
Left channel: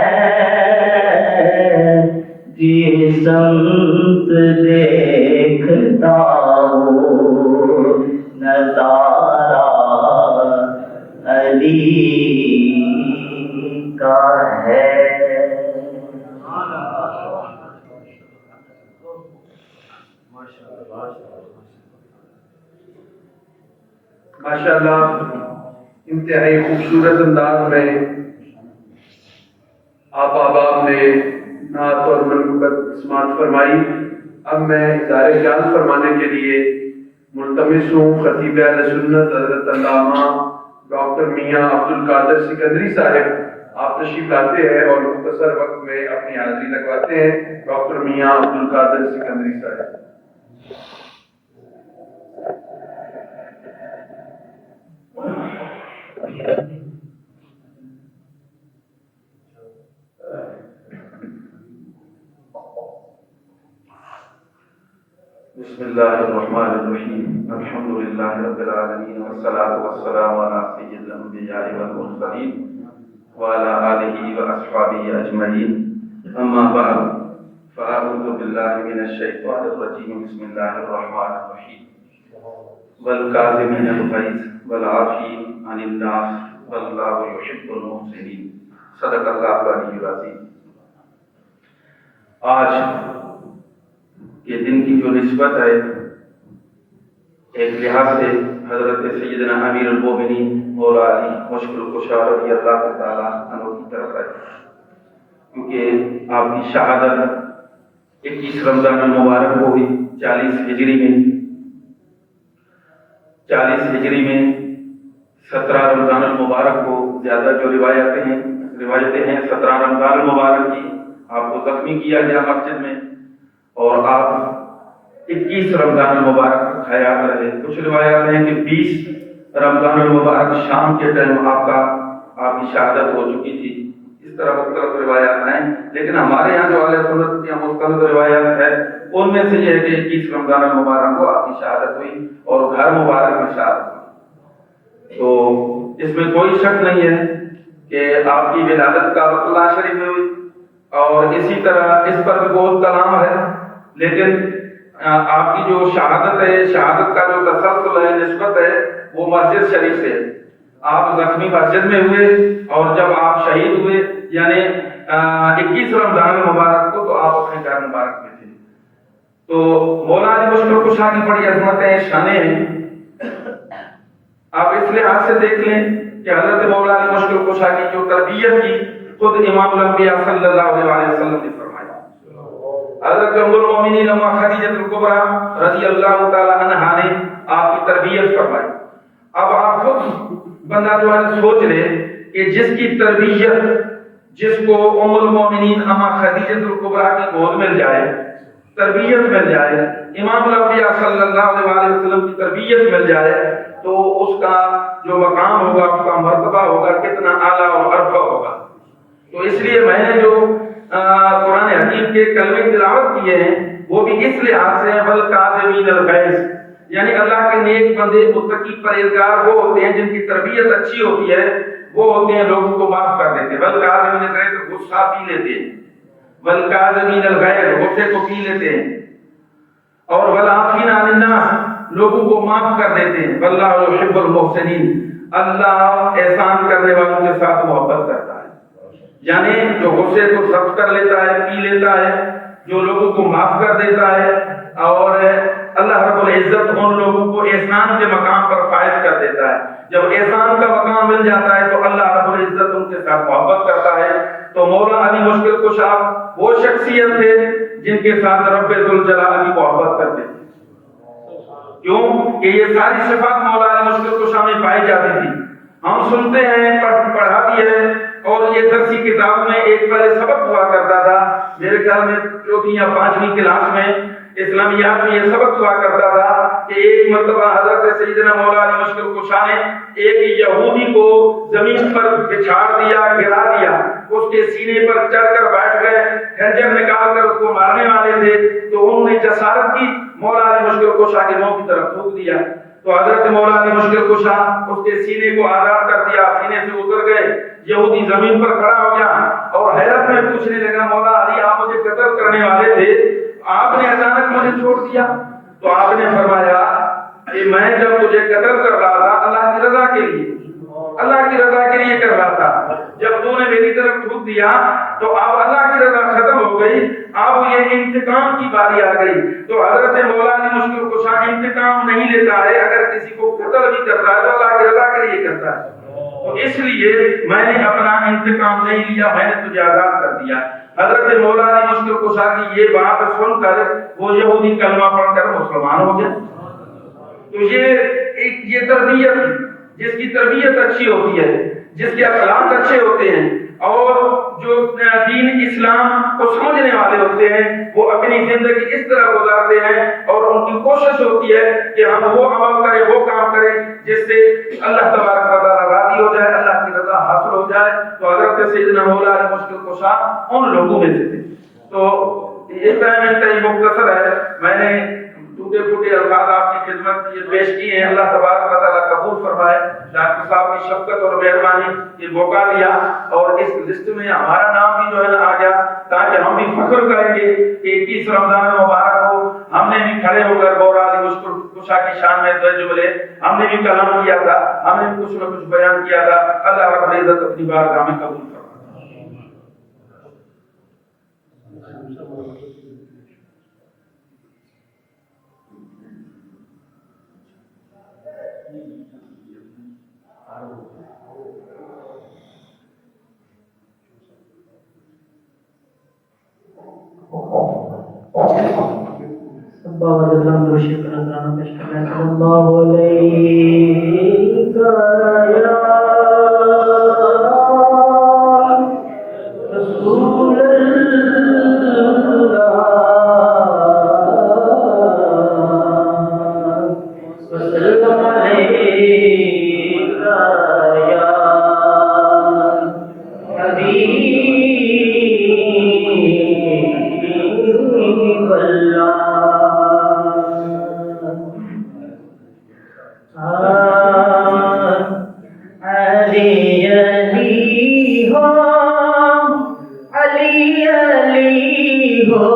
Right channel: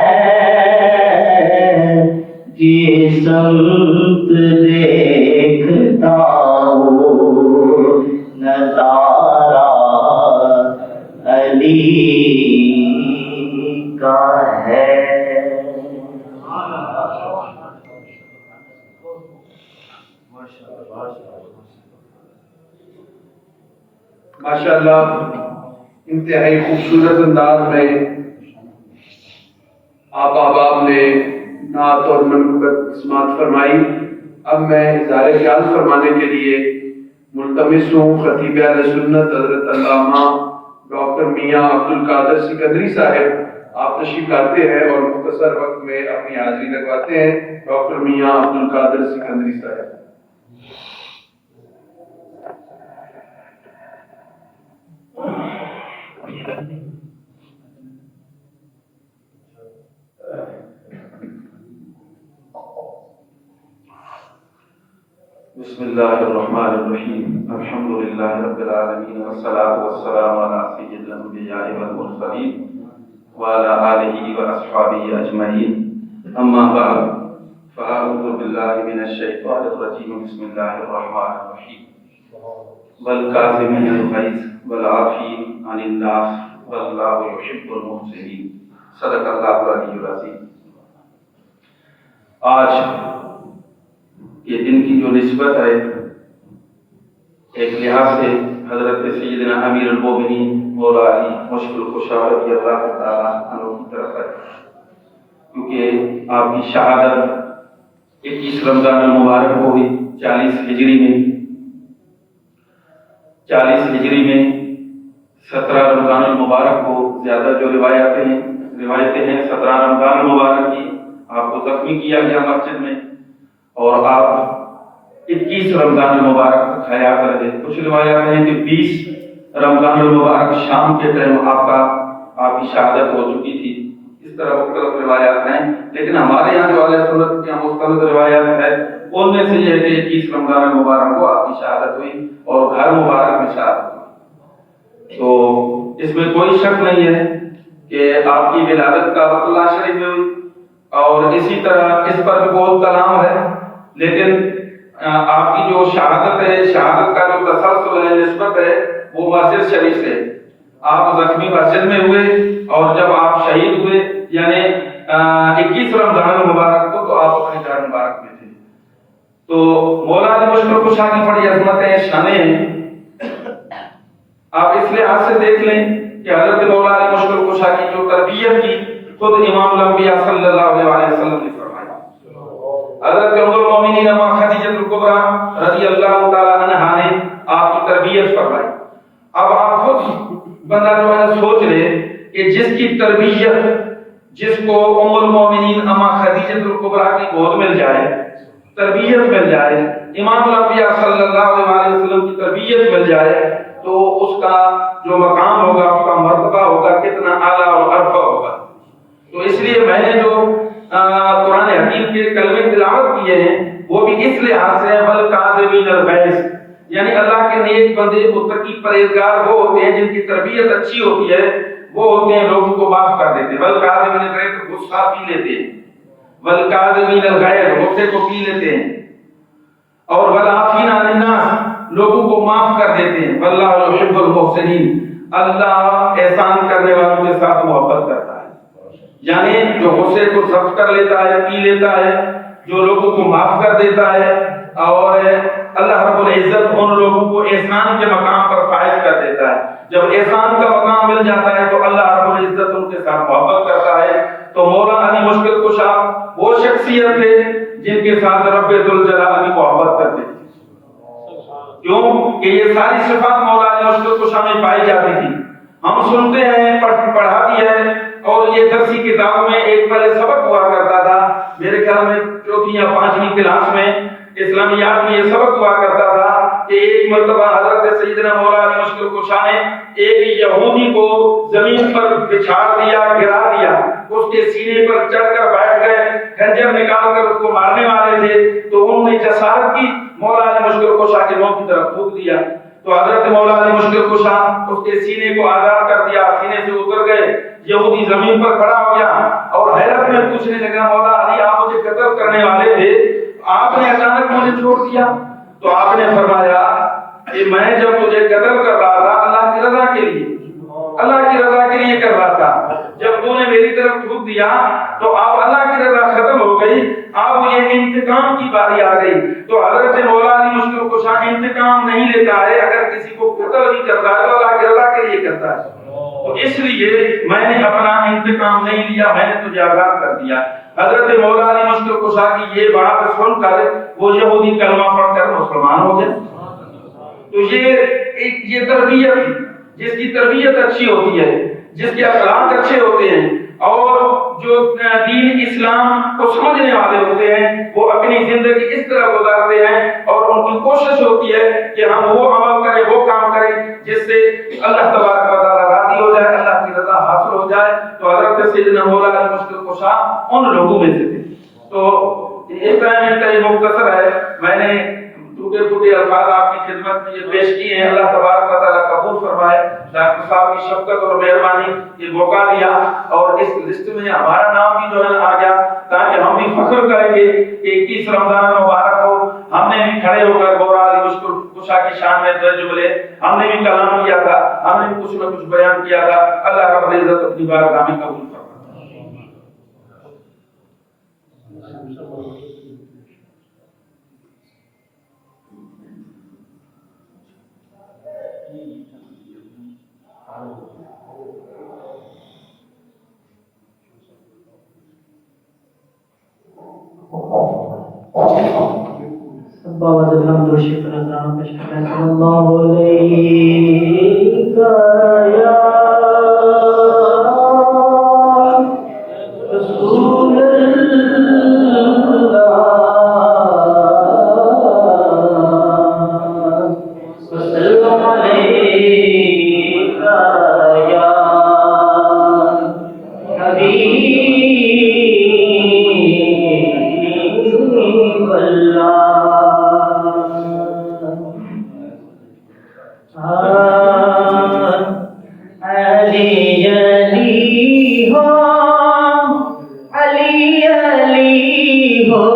جس سمت دیکھتا ہوں نظارہ علی کا ہے. ماشاءاللہ انتہائی خوبصورت انداز میں آپ احباب نے نعت اور منقبت سماعت فرمائی. اب میں اظہار خیال فرمانے کے لیے ملتمس ہوں خطیب اہل سنت حضرت علامہ ڈاکٹر میاں عبد القادر سکندری صاحب. آپ تشریف لاتے ہیں اور مختصر وقت میں اپنی حاضری لگواتے ہیں. ڈاکٹر میاں عبد القادر سکندری صاحب. بسم اللہ الرحمن الرحیم الحمد للہ رب العالمین والصلاة والسلام علی سید الانبیاء والمرسلین وعلی آلہ واصحابہ اجمعین. اما بعد فاعوذ باللہ من الشیطان الرجیم. بسم اللہ الرحمن الرحیم. والکاظمین الغیظ والعافین عن الناس واللہ یحب المحسنین. صدق اللہ العلی العظیم. آج یہ دن کی جو نسبت ہے ایک لحاظ سے حضرت سیدنا امیر المومنین مولا علی مشکل کشا رضی اللہ تعالیٰ عنہ کی طرف ہے، کیونکہ آپ کی شہادت 21 رمضان المبارک کو ہوئی 40 ہجری میں. 40 ہجری میں 17 رمضان المبارک کو زیادہ جو روایتیں ہیں 17 رمضان المبارک کی آپ کو زخمی کیا گیا مسجد میں، اور آپ 21 رمضان المبارک کا خیال رہے. کچھ روایات ہیں کہ 20 رمضان المبارک شام کے ٹائم آپ کی شہادت ہو چکی تھی. اس طرح مختلف روایات ہیں، لیکن ہمارے یہاں جو اہل سنت کی مختلف روایات ہیں ان میں سے یہ ہے کہ 21 رمضان المبارک کو آپ کی شہادت ہوئی اور گھر مبارک میں شہادت ہوئی. تو اس میں کوئی شک نہیں ہے کہ آپ کی ولادت کا بیت اللہ شریف میں ہوئی، اور اسی طرح اس پر بھی بہت کلام ہے، لیکن آپ کی جو شہادت ہے، شہادت کا جو تسلسل ہے، نسبت ہے، وہ مسجد شریف سے. آپ زخمی مسجد میں ہوئے اور جب آپ شہید ہوئے یعنی 21 رمضان المبارک کو، تو آپ اپنے گھر مبارک میں تھے. تو مولا علی مشکل کشا کی بڑی عظمتیں شانیں ہیں. آپ اس لحاظ سے دیکھ لیں کہ حضرت مولا علی مشکل کشا کی جو تربیت کی خود امام الانبیاء صلی اللہ علیہ وسلم نے فرمایا. حضرت ام المومنین خدیجہ الکبریٰ رضی اللہ تعالی عنہا نے آپ کی تربیت فرمائی. اب آپ خود بندہ جو ہے سوچ لے کہ جس کی تربیت، جس کو ام المومنین اما خدیجہ الکبریٰ کی گود مل جائے، تربیت مل جائے، امام الانبیاء صلی اللہ علیہ وسلم کی تربیت مل جائے، تو اس کا جو مقام ہوگا، اس کا مرتبہ ہوگا، کتنا اعلیٰ اور ارفع ہوگا. تو اس لیے میں نے جو قرآن حکیم کے کلمے تلاوت کیے ہیں وہ بھی اس لحاظ سے والکاظمین الغیظ، یعنی اللہ کے نیک بندے متقی پرہیزگار وہ ہوتے ہیں جن کی تربیت اچھی ہوتی ہے، وہ ہوتے ہیں لوگوں کو معاف کر دیتے ہیں. والکاظمین الغیظ، غصہ پی لیتے ہیں. والکاظمین الغیظ، غصے کو پی لیتے ہیں. اور والعافین عن الناس، لوگوں کو معاف کر دیتے ہیں. واللہ یحب المحسنین، اللہ احسان کرنے والوں کے ساتھ محبت کرتا ہے. یعنی جو غصے کو ضبط کر لیتا ہے، پی لیتا ہے، جو لوگوں کو معاف کر دیتا ہے، اور اللہ رب العزت ان لوگوں کو احسان کے مقام پر فائز کر دیتا ہے. جب احسان کا مقام مل جاتا ہے تو اللہ رب العزت ان کے ساتھ محبت کرتا ہے. تو مولا علی مشکل کشا وہ شخصیت تھے جن کے ساتھ رب ذوالجلال کی محبت کرتے تھے. کیوں کہ یہ ساری صفات مولا علی مشکل کشا میں پائی جاتی تھی. ہم سنتے ہیں، پڑھا بھی ہے، اور یہ درسی کتاب میں ایک پہلے سبق ہوا کرتا تھا، میرے خیال میں 4ویں یا 5ویں کلاس میں اسلامیات میں یہ سبق ہوا کرتا تھا کہ ایک مرتبہ حضرت سیدنا مولا علی مشکل کشا نے ایک یہودی کو زمین پر بچھا دیا، گرا دیا، اس کے سینے پر چڑھ کر بیٹھ گئے، خنجر نکال کر اس کو مارنے والے تھے، تو انہوں نے جسارت کی، مولا علی مشکل کشا کے منہ کی طرف تھوک دیا، تو حضرت مولا علی مشکل کشا اس کے سینے کو آزاد کر دیا، سینے سے اتر گئے، یہودی زمین پر کھڑا ہو گیا اور حیرت میں پوچھنے لگا، مولا علی آپ مجھے قتل کرنے والے تھے، آپ نے اچانک مجھے چھوڑ دیا؟ تو آپ نے فرمایا کہ میں جب تجھے قتل کر رہا تھا اللہ کی رضا کے لیے، اللہ کی رضا کے لیے کر رہا تھا، جب تو نے میری طرف تھوک دیا تو اب اللہ کی رضا ختم ہو گئی، اب یہ انتقام کی باری آ گئی۔ تو حضرت مولا علی مشکل کشا انتقام نہیں لیتا ہے، اگر کسی کو قتل بھی کرتا ہے تو اللہ کی رضا کے لیے کرتا ہے، تو اس لیے میں نے اپنا انتقام نہیں لیا، میں نے تجھے آزاد کر دیا۔ حضرت مولا علی مشکل کشا کی یہ بات سن کر وہ یہودی کلمہ پڑھ کر مسلمان ہو گیا۔ تو یہ تربیت، جس کی تربیت اچھی ہوتی ہے، جس کے اخلاق اچھے ہوتے ہیں اور جو دین اسلام کو سمجھنے والے ہوتے ہیں، وہ اپنی زندگی اس طرح گزارتے ہیں اور ان کی کوشش ہوتی ہے کہ ہم وہ عمل کریں، وہ کام کریں جس سے اللہ تبارک و تعالیٰ راضی ہو جائے، اللہ کی رضا حاصل ہو جائے۔ تو حضرت سیدنا مولا علی مشکل کشا ان لوگوں میں سے تھے۔ تو یہ ٹائم انتہائی مختصر ہے، میں نے ٹوٹے پھوٹے الفاظ آپ کی خدمت میں پیش کیے ہیں، اللہ تبارک و تعالیٰ قبول فرمائے۔ ڈاکٹر صاحب کی شفقت اور مہربانی یہ موقع دیا اور اس لسٹ میں ہمارا نام بھی جو ہے نا آ گیا، تاکہ ہم بھی فخر کریں گے کہ 21 رمضان مبارک کو ہم نے بھی کھڑے ہو کر مولا علی مشکل کشا کی شان میں درج ملے، ہم نے بھی کلام کیا تھا، ہم نے بھی کچھ نہ کچھ بیان کیا تھا۔ اللہ رب العزت اپنی بارگاہ میں قبول فرمائے۔ بابا جلال دوشی پر نظرانہ پیش کرنا ہے۔ صلی اللہ علیہ یا رسول اللہ وسلم علیہ یا حبیب اللہ۔ علی علی ہو، علی علی ہو،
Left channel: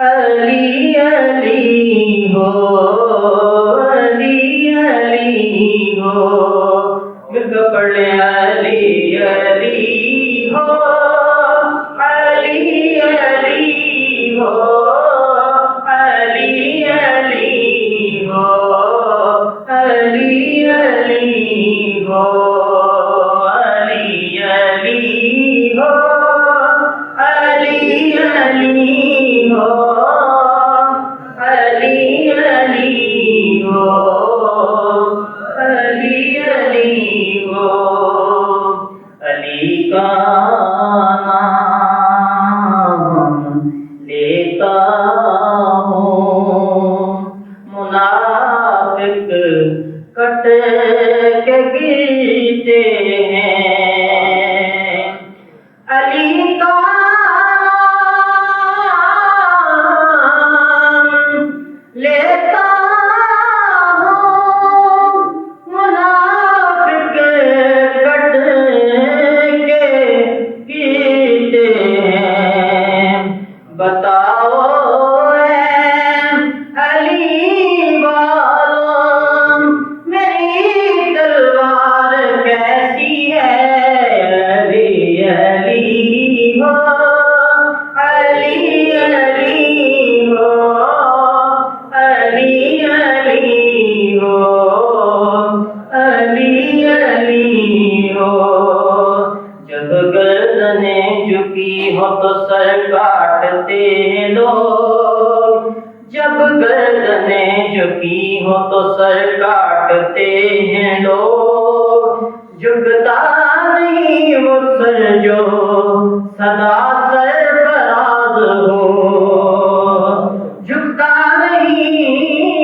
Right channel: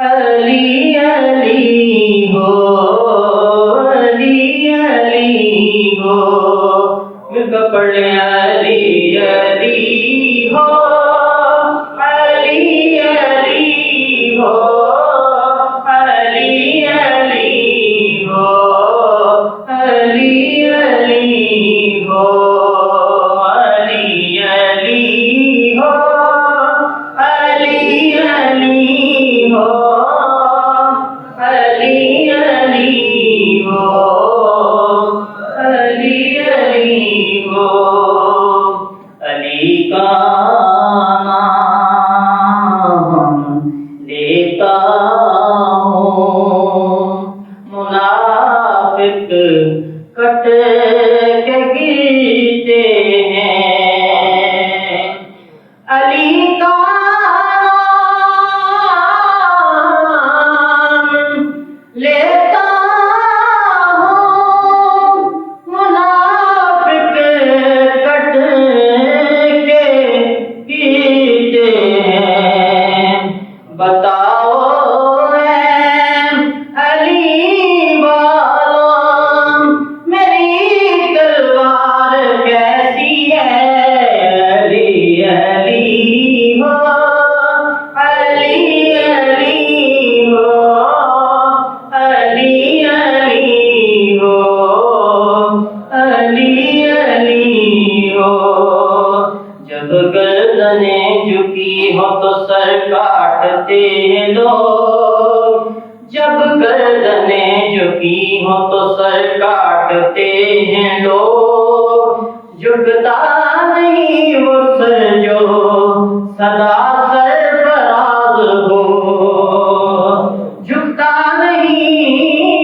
علی علی ہو، علی علی ہو، مل کر پڑھ لیں علی علی ہو، علی علی ہو، علی علی ہو، علی علی ہو، علی علی ہو، علی علی ہو، علی علی ہو، علی علی ہو۔ علی کا نام لیتا ہوں، منافق کٹ کے گرتے ہیں۔ علی کا نام لیتا ہوں، منافق کٹ کے گرتے ہیں۔ بتاؤ علی والوں میری تلوار کیسی ہے؟ علی علی ہو، علی علی ہو، علی علی ہو، علی علی ہو۔ جب گردنیں جھکی ہو تو سر کاٹتے ہیں لوگ، جب گردنیں جھکی ہو تو سر کاٹتے ہیں لوگ، جھکتا نہیں وہ سر جو سدا سرفراز ہو، جھکتا نہیں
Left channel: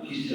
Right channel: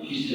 21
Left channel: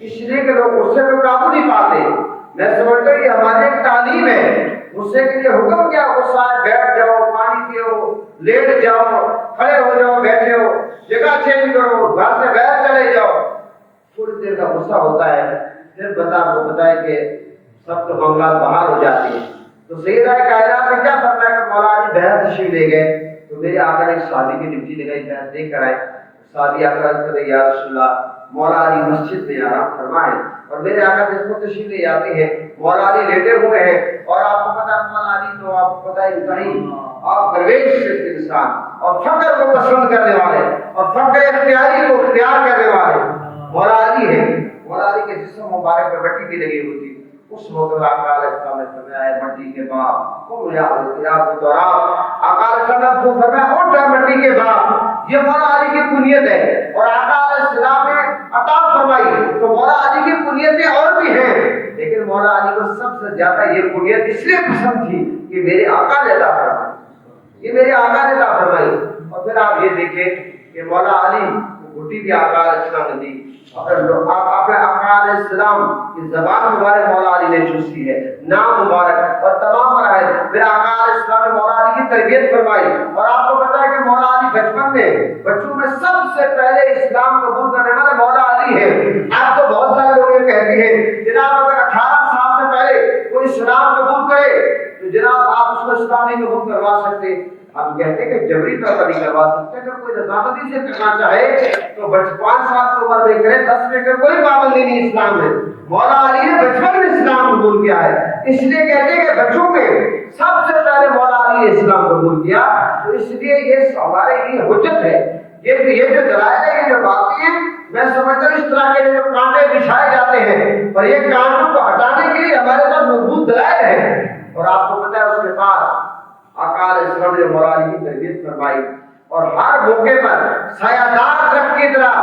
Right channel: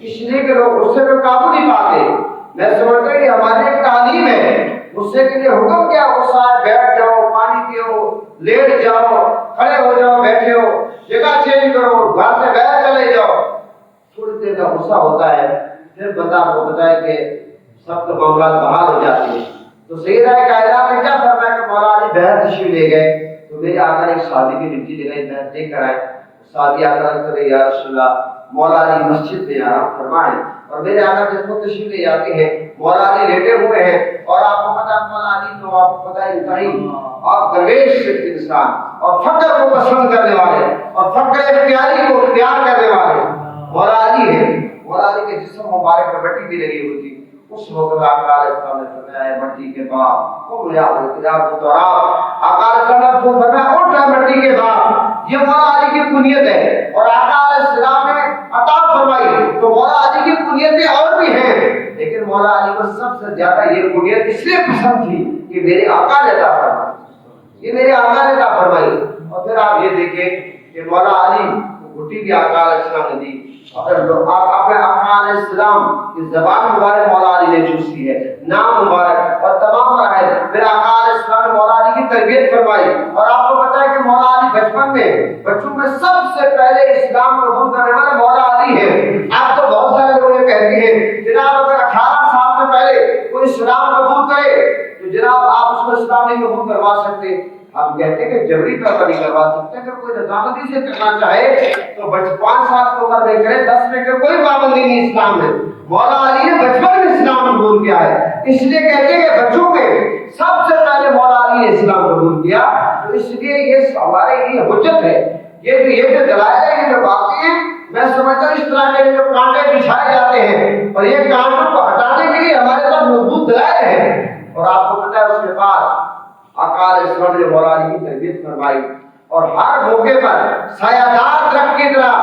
اس لیے کہ لوگ غصے کو قابو نہیں پاتے. میں سمجھتا ہوں کہ ہماری ایک تعلیم ہے. غصے کے لیے حکم کیا؟ غصہ ہے بیٹھ جاؤ, پانی پیو, لیٹ جاؤ, کھڑے ہو جاؤ, بیٹھے ہو, جگہ چینج کرو, گھر سے باہر چلے جاؤ. تھوڑی دیر کا غصہ ہوتا ہے, پھر بندہ کو بتائے کہ سب تو معاملات بحال ہو جاتے ہیں. تو سیدہ کائنات نے کیا فرمایا کہ مولا علی بہر تشریف لے گئے تو میرے آقا نے ایک صحابی کی ڈیوٹی لگائی, بہر دیکھ کر آئے. صحابی آ کر کہتے یا رسول اللہ مولا علی مسجد میں آرام فرمائے, اور میرے آقا جس کو تشریف لے جاتے ہیں مولا علی لیٹے ہوئے ہیں, اور آپ کو پتا مولا علی تو آپ کو پتا ہے کہیں آپ درویش انسان اور فقر کو پسند کرنے والے اور فقر اختیاری کو اختیار کرنے والے مولا علی ہے. مولا علی کے جسم مبارک پر مٹی بھی لگی ہوئی تھی. اس وقت آقا علیہ السلام نے فرمایا مٹی کے باپ قم یا التجاب التراب. آقا علیہ السلام نے فرمایا اٹھ جا مٹی کے باپ. یہ مولا علی کی کنیت ہے, اور آقا علیہ السلام نے عطا فرمائی. تو مولا علی کی کنیتیں اور بھی ہیں, لیکن مولا علی کو سب سے زیادہ یہ کنیت اس لیے پسند تھی کہ میرے آقا نے عطا فرمائی, یہ میرے آقا نے عطا فرمائی. اور پھر آپ یہ دیکھیں کہ مولا علی کو گھٹی بھی آقا علیہ السلام نے دی. اپنے آقا علیہ السلام کی زبان مبارک مولا علی نے چوسی ہے, نام مبارک اور تمام مراحل. پھر آقا علیہ السلام نے مولا علی کی تربیت فرمائی. اور آپ کو پتا ہے کہ مولا علی بچپن میں بچوں میں سب سے پہلے اسلام قبول کرنے والے مولا علی ہیں. آپ تو بہت سارے لوگ یہ کہتے ہیں جناب اگر 18 سال سے پہلے کوئی اسلام قبول کرے تو جناب آپ اس کو اسلام نہیں قبول کروا سکتے. ہم کہتے ہیں کہ جبری طور پر نہیں کروا سکتے. اگر کوئی رضامندی سے کرنا چاہے تو 5 سال کی عمر میں کرے, 10 میں کرے, کوئی پابندی نہیں اسلام میں. مولا علی نے بچپن میں اسلام قبول کیا ہے, اس لیے کہتے ہیں کہ بچوں میں سب سے پہلے مولا علی نے اسلام قبول کیا. تو اس لیے یہ ہمارے لیے حجت ہے. یہ جو دلائل ہے, یہ جو باتیں ہیں, میں سمجھتا ہوں اس طرح کے جو کانٹے بچھائے جاتے ہیں اور یہ کانٹوں کو ہٹانے کے لیے ہمارے پاس مضبوط دلائل ہیں. اور آپ کو پتا ہے اس کے بعد آقا علیہ السلام نے مولا علی کی تربیت فرمائی, اور ہر موقع پر سایہ دار درخت کی طرح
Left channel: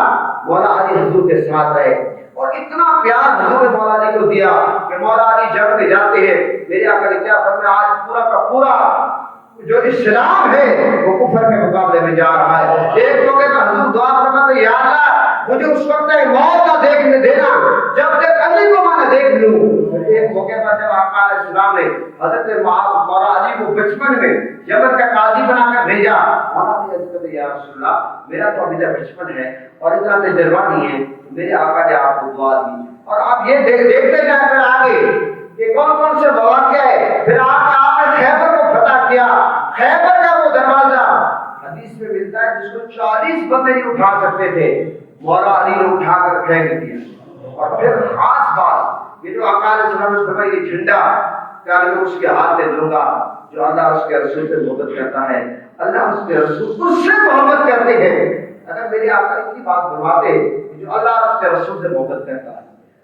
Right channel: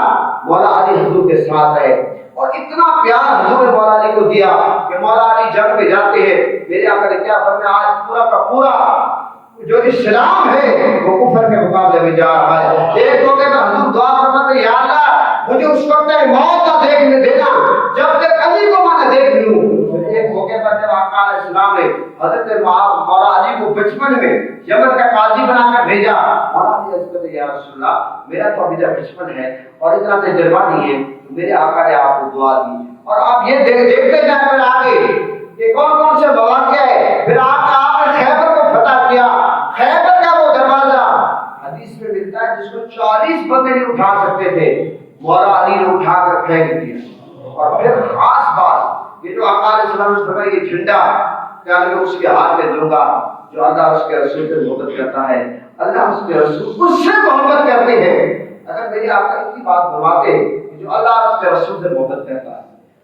مولا علی حضور کے ساتھ رہے. اور اتنا پیار حضور نے مولا علی کو دیا کہ مولا علی جنگ میں جاتے ہیں. میرے آقا نے کیا فرمایا, آج پورا کا پورا جو اسلام ہے وہ کفر کے مقابلے میں جا رہا ہے. ایک موقع پر حضور دعا فرماتے یا اللہ مجھے اس وقت موت نہ دیکھنے دینا جب تک علی کو میں نہ دیکھ لوں. ایک موقع پر جب آقا علیہ السلام نے حضرت مولا علی کو بچپن میں یمن کا قاضی بنا کر بھیجا, مولا علی نے کہا یا رسول اللہ میرا تو ابھی تک بچپن ہے اور اتنا تجربہ نہیں ہے. میرے آقا نے آپ کو دعا دی, اور آپ یہ دیکھتے جائیں پھر آگے کہ کون کون سے مواقع ہے. پھر آپ نے خیبر کو فتح کیا. خیبر کا وہ دروازہ حدیث میں ملتا ہے جس کو 40 بندے نہیں اٹھا سکتے تھے, مولا علی نے اٹھا کر پھینک دیا. اور پھر خاص بات یہ جو آقا علیہ السلام نے فرمایا یہ جھنڈا کیا میں اس کے ہاتھ میں دوں گا, جو اللہ اس کے رسول سے محبت کرتا ہے, اللہ اس کے رسول اس سے محبت کرتے ہیں. اگر میرے آقا اتنی بات فرماتے جو اللہ اس کے رسول سے محبت کرتا ہے,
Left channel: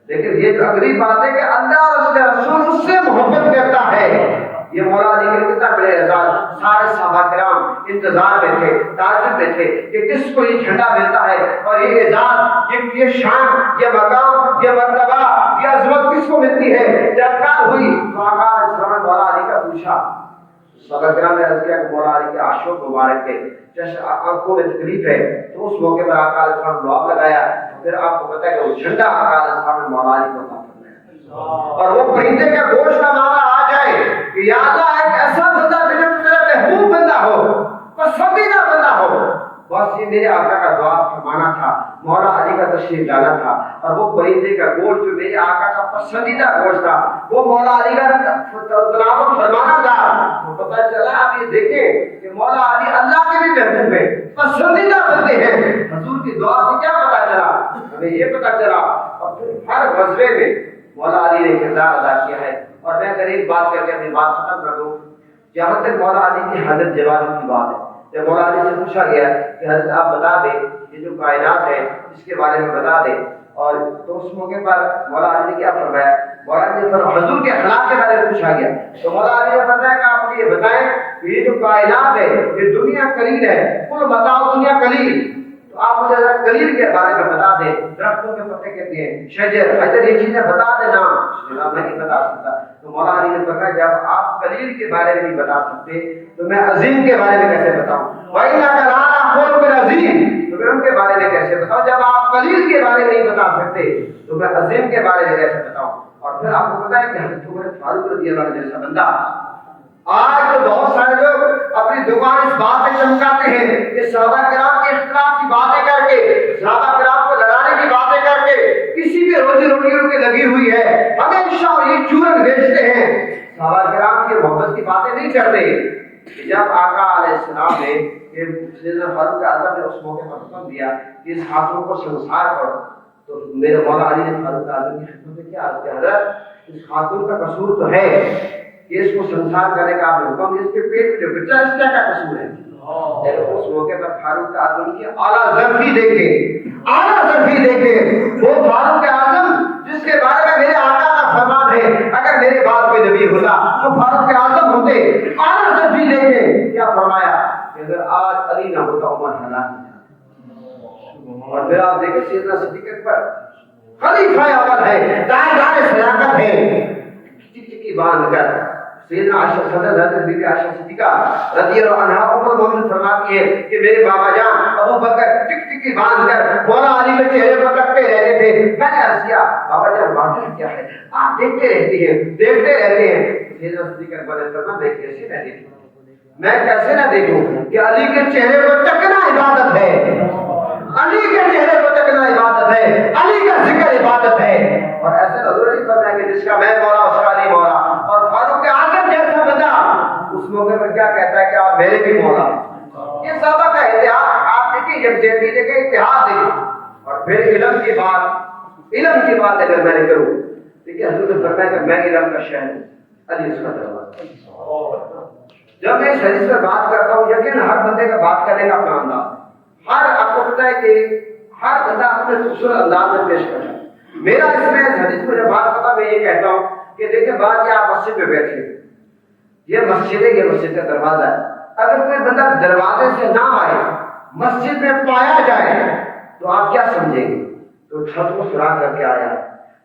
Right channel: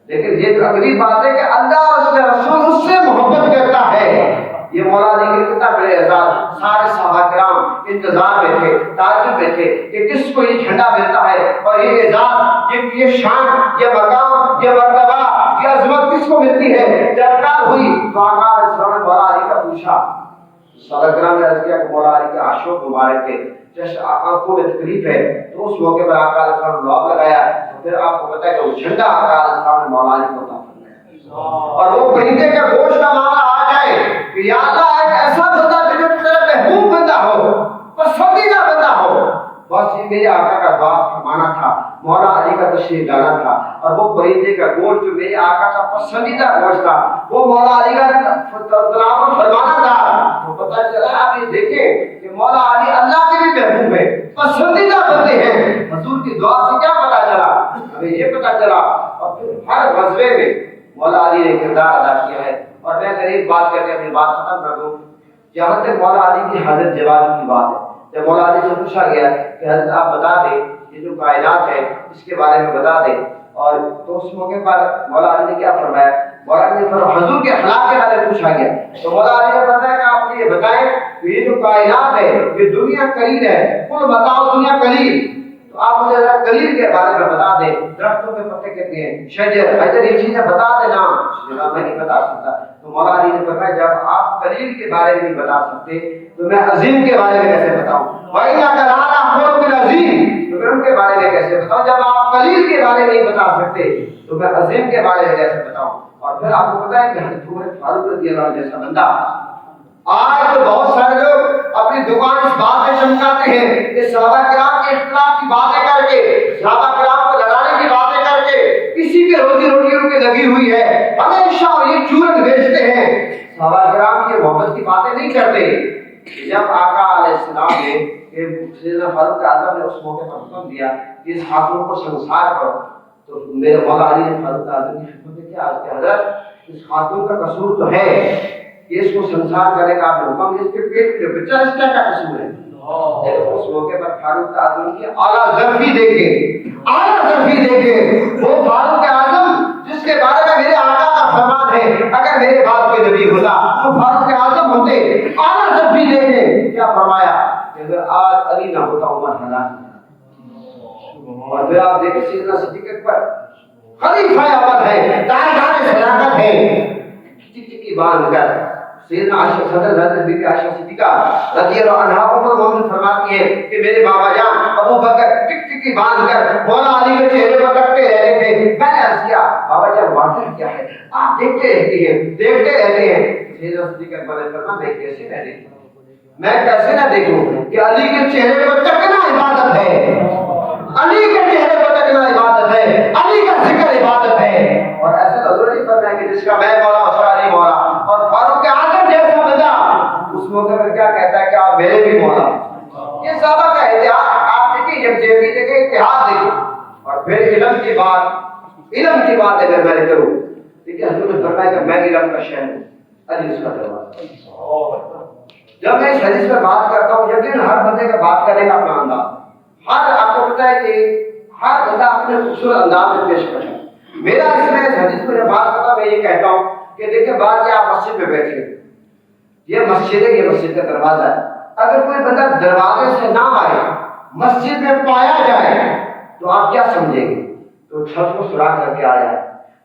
لیکن یہ جو اگلی بات ہے کہ اللہ اس کے رسول اس سے محبت کرتا ہے. یہ مولا علی کے کتنا بڑے اعزاز. سارے صحابہ کرام انتظار میں تھے, تعجب میں تھے کہ کس کو یہ جھنڈا ملتا ہے, اور یہ اعزاز, یہ شان, یہ مقام, یہ مرتبہ, یہ عظمت کس کو ملتی ہے. جب کار ہوئی تو آقا علیہ السلام نے مولا علی کا پوچھا. صحابہ کرام نے عرض کیا کہ مولا علی کے عاشق مبارک کے جیسے آنکھوں میں تکلیف ہے. تو اس موقع پر آقا علیہ السلام نے دعا لگایا. پھر آپ کو پتا ہے کہ وہ جھنڈا آقا علیہ السلام نے مولا علی کو عطا فرمایا. اور وہ پرندے کے گوشت کا معاملہ آ جائے کہ یا اللہ ایک ایسا بندہ جو تیرا محبوب بندہ ہو, پسندیدہ بندہ ہو. بس یہ میرے آقا کا دعا فرمانا تھا, مولا علی کا تشریف لانا تھا. اور وہ پرندے کا گوشت جو میرے آقا کا پسندیدہ گوشت تھا وہ مولا علی کا تلاوت فرمانا تھا. تو پتہ چلا آپ یہ دیکھیں کہ مولا علی اللہ کے بھی محبوب ہے, پسندیدہ بندے ہیں. حضور کی دعا سے کیا پتہ چلا, ہمیں یہ پتہ چلا. اور پھر ہر غزوے میں مولا علی نے کردار ادا کیا ہے. اور میں اگر ایک بات کر کے اپنی بات ختم کر دوں, جہاں تک مولا علی کی حضرت جواب کی بات ہے, جب مولا علی سے پوچھا گیا کہ حضرت آپ بتا دیں یہ جو کائنات ہے اس کے بارے میں بتا دیں, اور تو اس موقع پر مولا علی نے کیا فرمایا, مولا علی نے حضور کے اخلاق کے بارے میں پوچھا گیا. تو مولا علی نے فرمایا کہ آپ مجھے یہ بتائیں کہ یہ جو کائنات ہے یہ دنیا قلیل ہے, کل بتاؤ دنیا قلیل. تو آپ مجھے ذرا قلیل کے بارے میں بتا دیں. درختوں کے پتے کہتے ہیں شجر, حضرت یہ چیزیں بتا دینا. میں نہیں بتا بتا سکتا. تو مولا علی نے فرمایا جب آپ قلیل کے بارے میں نہیں بتا سکتے تو میں عظیم کے بارے میں کیسے بتاؤں؟ وَإِنَّكَ لَعَلَىٰ خُلُقٍ عَظِيمٍ. تو میں ان کے بارے میں کیسے بتاؤں؟ جب آپ قلیل کے بارے میں نہیں بتا سکتے تو میں عظیم کے بارے میں کیسے بتاؤں؟ اور پھر آپ کو پتا ہے کہ حضرت عمر فاروق رضی اللہ عنہ جیسا بندہ آج تو بہت سارے لوگ اپنی دکان اس بات میں چمکاتے ہیں کہ صحابہ کرام کے اختلاف کی باتیں کر کے، صحابہ کرام کو لڑانے کی باتیں کر کے کسی کے روزی روٹی ان کی لگی ہوئی ہے، ہمیشہ یہ چورن بیچتے ہیں. صحابہ کرام کی محبت کی باتیں نہیں کرتے. جب آقا علیہ السلام نے سیدنا فاروق اعظم نے اس موقع پر حکم دیا کہ اس خاتون کو سنسار کرو، تو میرے مولا علی نے فاروق اعظم کی خدمت میں کیا عرض کیا، حضرت اس خاتون کا قصور تو ہے کہ اس کو سنسار کرنے کا آپ نے حکم دیا، اس کے پیٹ میں بچہ اس کا کیا قصور ہے؟ لیکن اس موقع پر فاروق اعظم کی اعلیٰ ظرفی دیکھے وہ فاروق اعظم جس کے بارے میں میرے آقا کا فرمان ہے اگر میرے بعد کوئی نبی ہوتا تو فاروق اعظم ہوتے. اعلیٰ ظرفی دیکھے کیا فرمایا کہ اگر آج علی نہ ہوتا عمر ہلاک نہ. اور پھر آپ دیکھیں سیدنا صدیق اکبر خلیفہ اول ہے، دائیں صداقت ہے، ٹکی باندھ کر سیدنا عائشہ صدر حضرت بی بی عائشہ صدیقہ رضی اللہ عنہا ام المؤمنین فرماتی ہے کہ میرے بابا جان ابو بکر ٹکی باندھ کر مولا علی کے چہرے پر رکھتے رہتے تھے. میں نے عرض کیا بابا جان واقعہ کیا ہے؟ آپ دیکھتے رہتے ہیں. سیدنا صدیق اکبر نے فرمایا میں کیسے نہ دیکھوں، میں کیسے نہ دیکھوں کہ علی کے چہرے پر تکنا عبادت ہے، علی کے چہرے پر تکنا عبادت ہے، علی کا ذکر عبادت ہے. اور ایسے حضور نہیں فرمایا کہ جس کا میں مولا اس کا علی مولا. اور فاروق اعظم جیسا بندہ اس موقع پر کیا کہتا ہے کہ آپ میرے بھی مولا. یہ صحابہ کا اتحاد آپ دیکھیں، یکجہتی دیکھیں، اتحاد دیکھیں. اور پھر علم کی بات اگر میں نے کروں دیکھیے حضور نے فرمایا کہ میں علم کا شہر ہوں، علی اس کا دروازہ. جب میں اس حدیث پر بات کرتا ہوں یقین ہر بندے کا بات کرنے کا اپنا انداز، ہر آپ کو پتا ہے کہ ہر بندہ اپنے خوبصورت انداز میں پیش کرتا ہے. میرا اس میں حدیث میں جب بات کرتا میں یہ کہتا ہوں کہ دیکھیں بات یہ آپ مسجد میں بیٹھے، یہ مسجد ہے، یہ مسجد کا دروازہ ہے. اگر کوئی بندہ دروازے سے نہ آئے مسجد میں پایا جائے تو آپ کیا سمجھیں گے؟ تو چھت کو سراغ کر کے آیا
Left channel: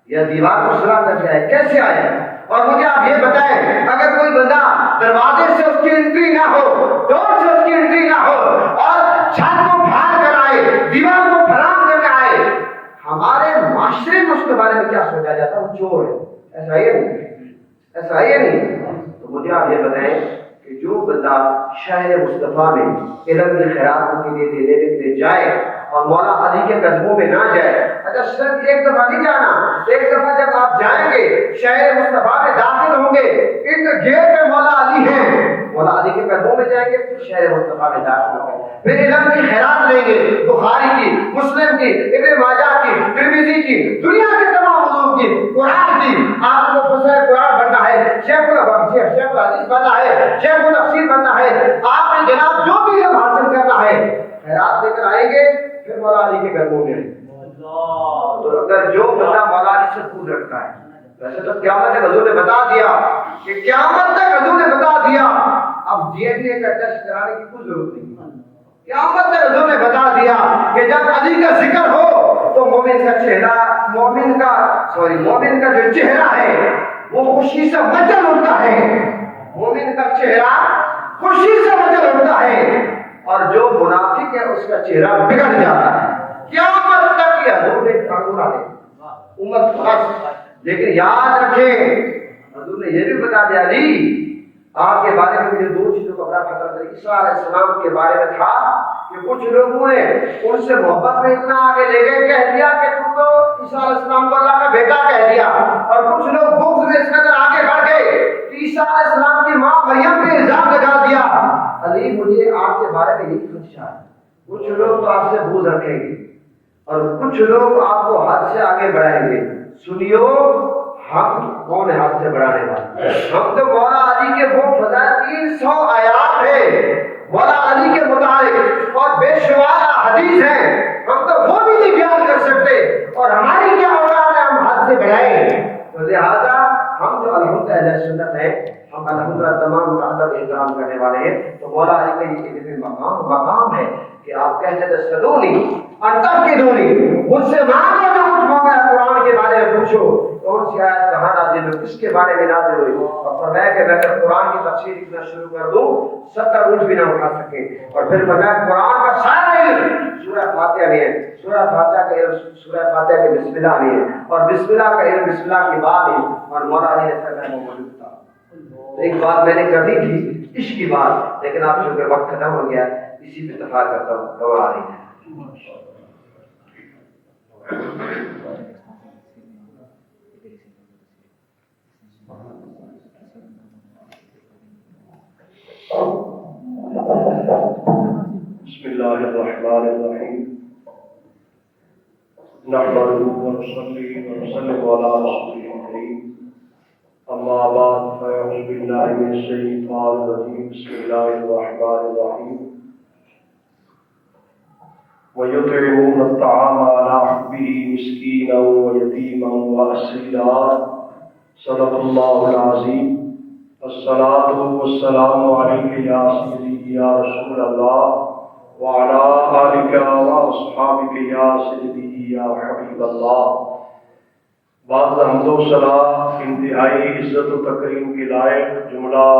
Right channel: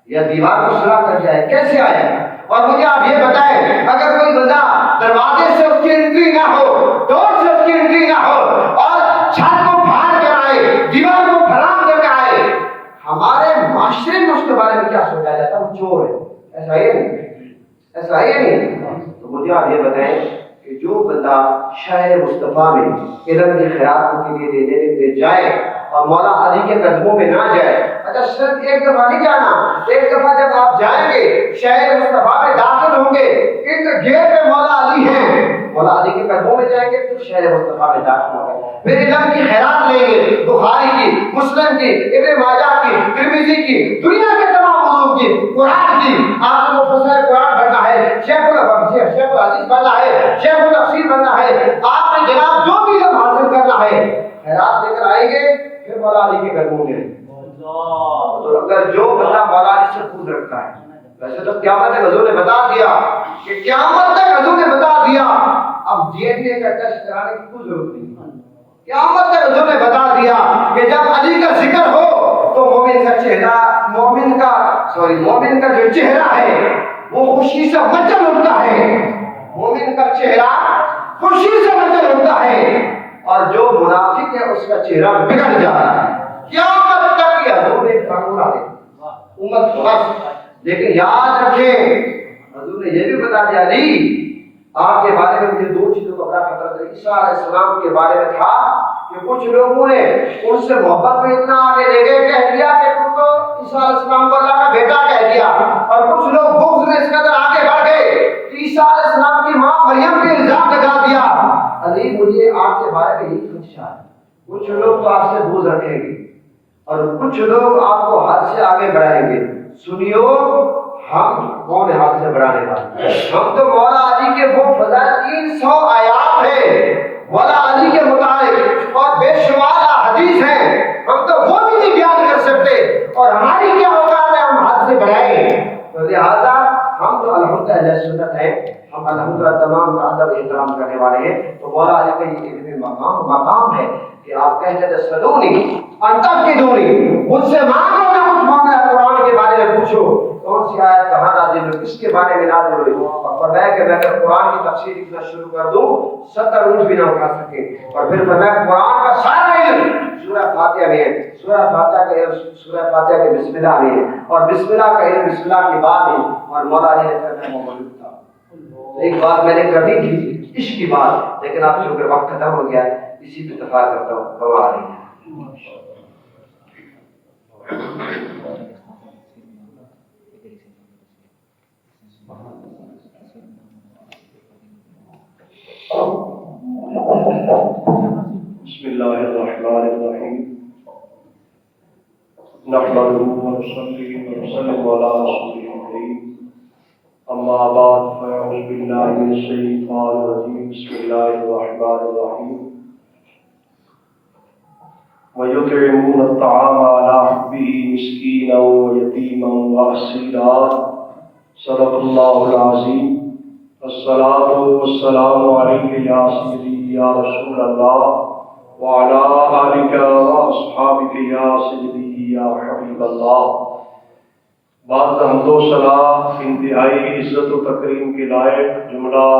یا دیوار کو سراغ کر کے آیا، کیسے آیا؟ اور مجھے آپ یہ بتائیں اگر کوئی بندہ دروازے سے اس کی انٹری نہ ہو، ڈور سے اس کی انٹری نہ ہو اور چھت کو پھاڑ کر آئے، دیوار کو پھرام کر کے آئے، ہمارے معاشرے میں اس کے بارے میں کیا سوچا جاتا ہے؟ وہ چور ہے. ایسا ہے نہیں. تو مجھے آپ یہ بتائیں کہ جو بندہ شہر مصطفیٰ میں علم کی خیرات کے لیے دینے کے لیے جائے اور مولا علی کے قدموں میں نہ جائے، اچھا صرف ایک دفعہ نہیں جانا، ایک دفعہ جب آپ جائیں گے شہر مصطفیٰ میں داخل ہوں گے، ان گیٹ پہ مولا علی ہیں، مولا علی کے قدموں میں جائیں گے پھر شہر مصطفیٰ میں داخل ہوں گے، پھر علم کی خیرات لیں گے، بخاری کی، مسلم کی، ابن ماجہ کی، ترمذی کی، دنیا کے تمام علوم کی، قرآن کی. آپ کو مفسر قرآن بننا ہے، شیخ الحدیث بننا ہے، شیخ التفسیر بننا ہے، آپ نے جناب جو بھی علم حاصل کرنا ہے خیرات لے کر آئیں گے پھر مولا علی کے قدموں میں. تو اگر جو بندہ مولا علی سے دور رکھتا ہے، ویسے تو قیامت تک حضور نے بتا دیا کہ قیامت تک حضور نے بتا دیا اب ڈی این اے کا ٹیسٹ کرانے کی کوئی ضرورت نہیں. قیامت تک حضور نے بتا دیا کہ جب علی کا ذکر ہو تو مومن کا جو چہرہ ہے وہ خوشی سے مچل اٹھتا ہے، مومن کا چہرہ خوشی سے مچل اٹھتا ہے، اور جو منافق ہے اس کا چہرہ بگڑ جاتا ہے. قیامت تک یہ حضور نے قانون آ گیا امت فرض. لیکن یاد رکھیں حضور نے یہ بھی بتا دیا علی آپ کے بارے میں مجھے دو چیزوں کا بڑا خطرہ تھا. عیسیٰ علیہ السلام کے بارے میں تھا کہ کچھ لوگوں نے ان سے محبت میں اتنا آگے لے گئے، کہہ دیا کہ تم تو عیسیٰ علیہ السلام کو اللہ کا بیٹا کہہ دیا، اور کچھ لوگ بغض میں اس قدر آگے بڑھ گئے کہ عیسیٰ علیہ السلام کی ماں مریم پہ الزام لگا دیا. علی مجھے آپ کے بارے میں یہی خدشہ ہے، کچھ لوگ تو آپ سے بغض رکھیں گے اور کچھ لوگ آپ کو حد سے آگے بڑھائیں گے. سنیو ہم کون ہاتھ سے بڑھانے والے؟ ہم تو مولا علی کے وہ فضائل 300 آیات ہیں مولا علی کے متعلق اور بے شمار حدیث ہیں، ہم تو وہ بھی نہیں بیان کر سکتے اور ہماری کیا اوقات ہے ہم ہاتھ سے بڑھائیں. تو لہٰذا ہم جو الحمدللہ اہل سنت ہیں، ہم الحمدللہ تمام کا ادب احترام کرنے والے ہیں. تو مولا علی کا یہ مقام ہے کہ آپ کہتے تھے سدونی انتقدونی، مجھ سے مانگو جو کچھ مانگا ہے قرآن کے بارے میں پوچھو کون سی آیت کہاں نازل ہوئی, کس کے بارے میں نازل ہوئی, اور فرمایا کہ میں اگر قرآن کی تفسیر لکھنا شروع کر دوں 70 اونٹ بھی نہ اٹھا سکے. اور پھر فرمایا قرآن کا سارا علم سورہ فاتحہ میں ہے, سورہ فاتحہ کا علم سورہ فاتحہ کے بسم اللہ میں ہے, اور بسم اللہ کا علم بسم اللہ کے بعد ہے. اور مولا علی نے فرمایا میں موجود تھا. ایک بات میں نے کرنی تھی عشق کی بات, لیکن آپ چونکہ وقت ختم ہو گیا اسی پہ اتفاق کرتا ہوں. مولا علی بسم الله الرحمن الرحيم نحمده ونصلي ونسلم على رسوله الكريم أما بعد فأعوذ بالله من الشيطان الرجيم بسم الله الرحمن الرحيم ويطعمون الطعام على حبه مسكينا ويتيما وأسيرا صدق الله العظيم. الصلاة والسلام عليك يا سيدي يا رسول الله وعلى آلك وأصحابك يا سيدي يا حبيب الله. بعد حمد و ثنا انتہائی عزت و تکریم کے لائق جملہ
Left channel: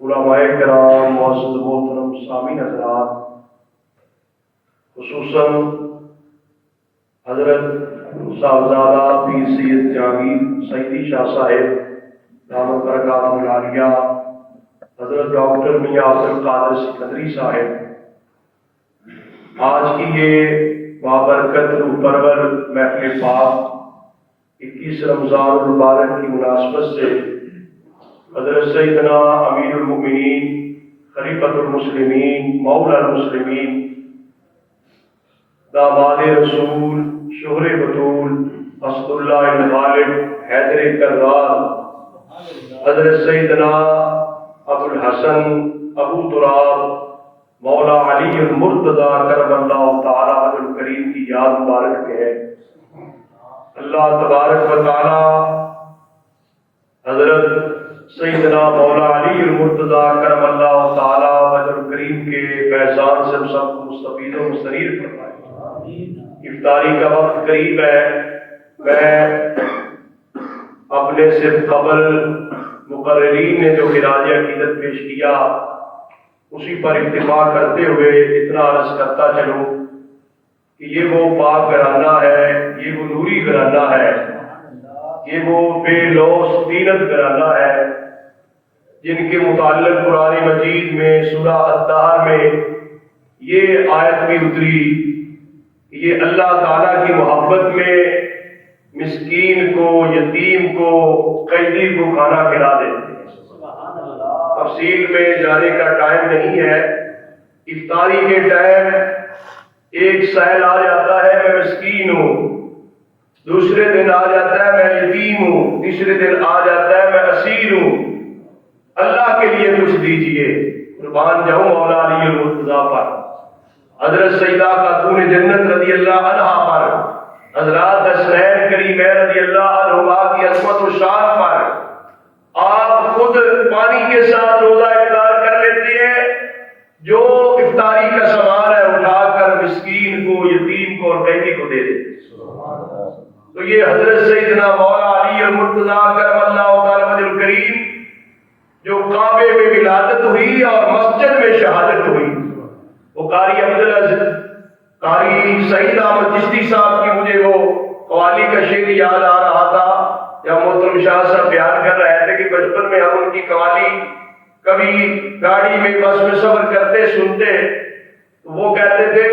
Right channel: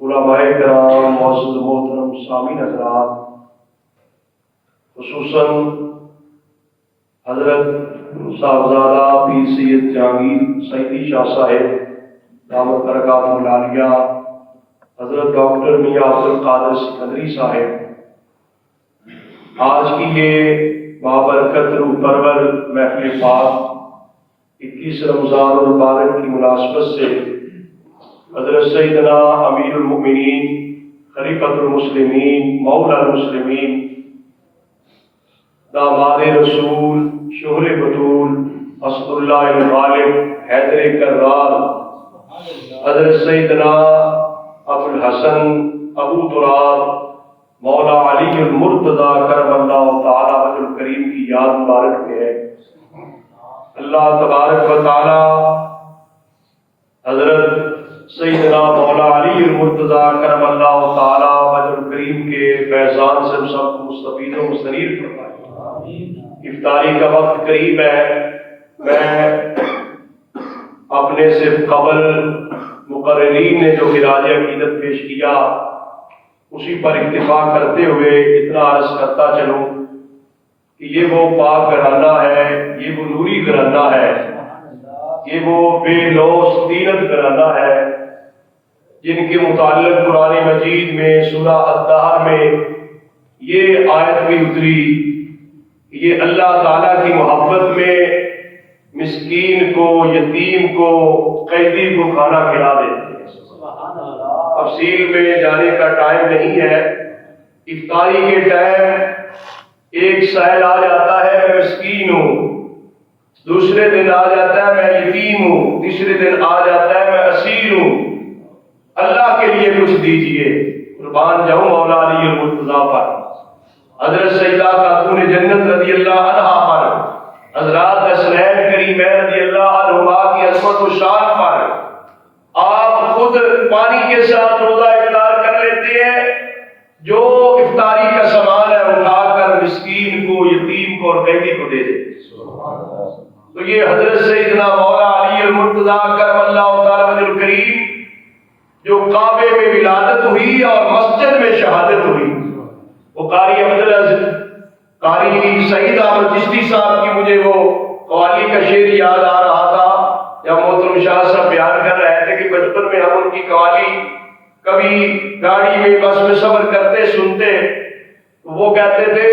علماء کرام, معزز محترم سامعین حضرات, خصوصاً حضرت صاحبزادہ پیر سید جہانگیر سعیدی شاہ صاحب دامت برکاتہ العالیہ, حضرت ڈاکٹر میاں عبد القادر سکندری صاحب, آج کی یہ بابرکت روح پرور محفل پاک 21 رمضان المبارک کی مناسبت سے حضرت سیدنا امیر المؤمنین خلیفۃ المسلمین مولا المسلمین داماد رسول شہر بطول اسد اللہ بن غالب حیدر کرار حضرت سیدنا ابو الحسن ابو تراب مولا علی المرتضیٰ کرم اللہ تعالی وجہ الکریم کی یاد مبارک میں ہے. اللہ تبارک و تعالی حضرت سیدنا مولا علی المرتضیٰ کرم اللہ تعالی وجہ الکریم کے فیضان سے ہم سب کو مستفید و مستنیر فرمائے. افطاری کا وقت قریب ہے. میں اپنے سے قبل مقررین نے جو خراج عقیدت پیش کیا اسی پر اتفاق کرتے ہوئے اتنا عرض کرتا چلوں کہ یہ وہ پاک گھرانہ ہے, یہ وہ نوری گھرانہ ہے, یہ وہ بے لوث طینت گھرانہ ہے جن کے متعلق قرآن مجید میں سورہ الدہر میں یہ آیت بھی اتری. یہ اللہ تعالیٰ کی محبت میں مسکین کو, یتیم کو, قیدی کو کھانا کھلا دے. تفصیل میں جانے کا ٹائم نہیں ہے. افطاری کے ٹائم ایک سائل آ جاتا ہے میں مسکین ہوں, دوسرے دن آ جاتا ہے میں یتیم ہوں, تیسرے دن آ جاتا ہے میں اسیر ہوں. اللہ کے لیے کچھ دیجئے. قربان جاؤں مولا علی المرتضیٰ پر, حضرت سیدہ خاتون جنت رضی اللہ عنہا پر, حضرات حسنین کریم رضی اللہ عنہما کی عظمت و شان پر. آپ خود پانی کے ساتھ روزہ افطار کر لیتے ہیں, جو افطاری کا سامان ہے اٹھا کر مسکین کو, یتیم کو اور قیدی کو دے دیتے. تو یہ حضرت سیدنا مولا علی المرتضیٰ کرم اللہ تعالی وجہ الکریم جو کعبے میں ولادت ہوئی اور مسجد میں شہادت ہوئی, وہ قاری عبدالعزیز قاری سعید احمد چشتی صاحب کی مجھے وہ قوالی کا شعر یاد آ رہا تھا جب محترم شاہ صاحب بیان کر رہے تھے کہ بچپن میں ہم ان کی قوالی کبھی گاڑی میں بس میں سفر کرتے سنتے تو وہ کہتے تھے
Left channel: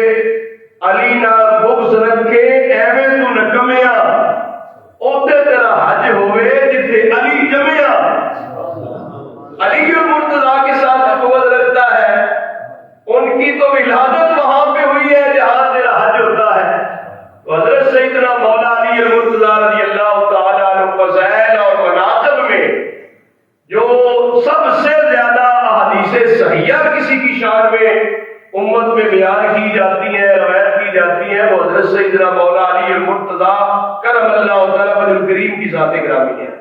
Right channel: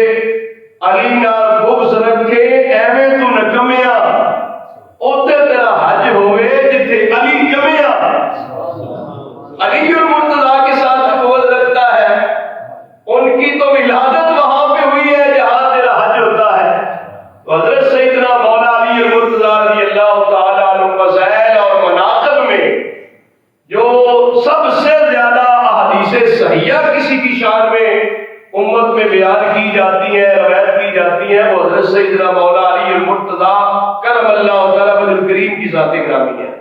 علی نہ بغض رکھے ایویں تو نہ کمیا اوتے تیرا حج ہوئے جتھے علی جمیا. علی المرتضیٰ کے ساتھ جو بغض رکھتا ہے ان کی تو ولادت وہاں پہ ہوئی ہے جہاں تیرا حج ہوتا ہے. تو حضرت سیدنا مولا علی المرتضیٰ رضی اللہ تعالی عنہ فضائل اور مناقب میں جو سب سے زیادہ احادیث صحیحہ کسی کی شان میں امت میں بیان کی جاتی ہیں, روایت کی جاتی ہیں, وہ حضرت سیدنا مولا علی المرتضیٰ کرم اللہ تعالی وجہ الکریم کی ذات گرامی ہے.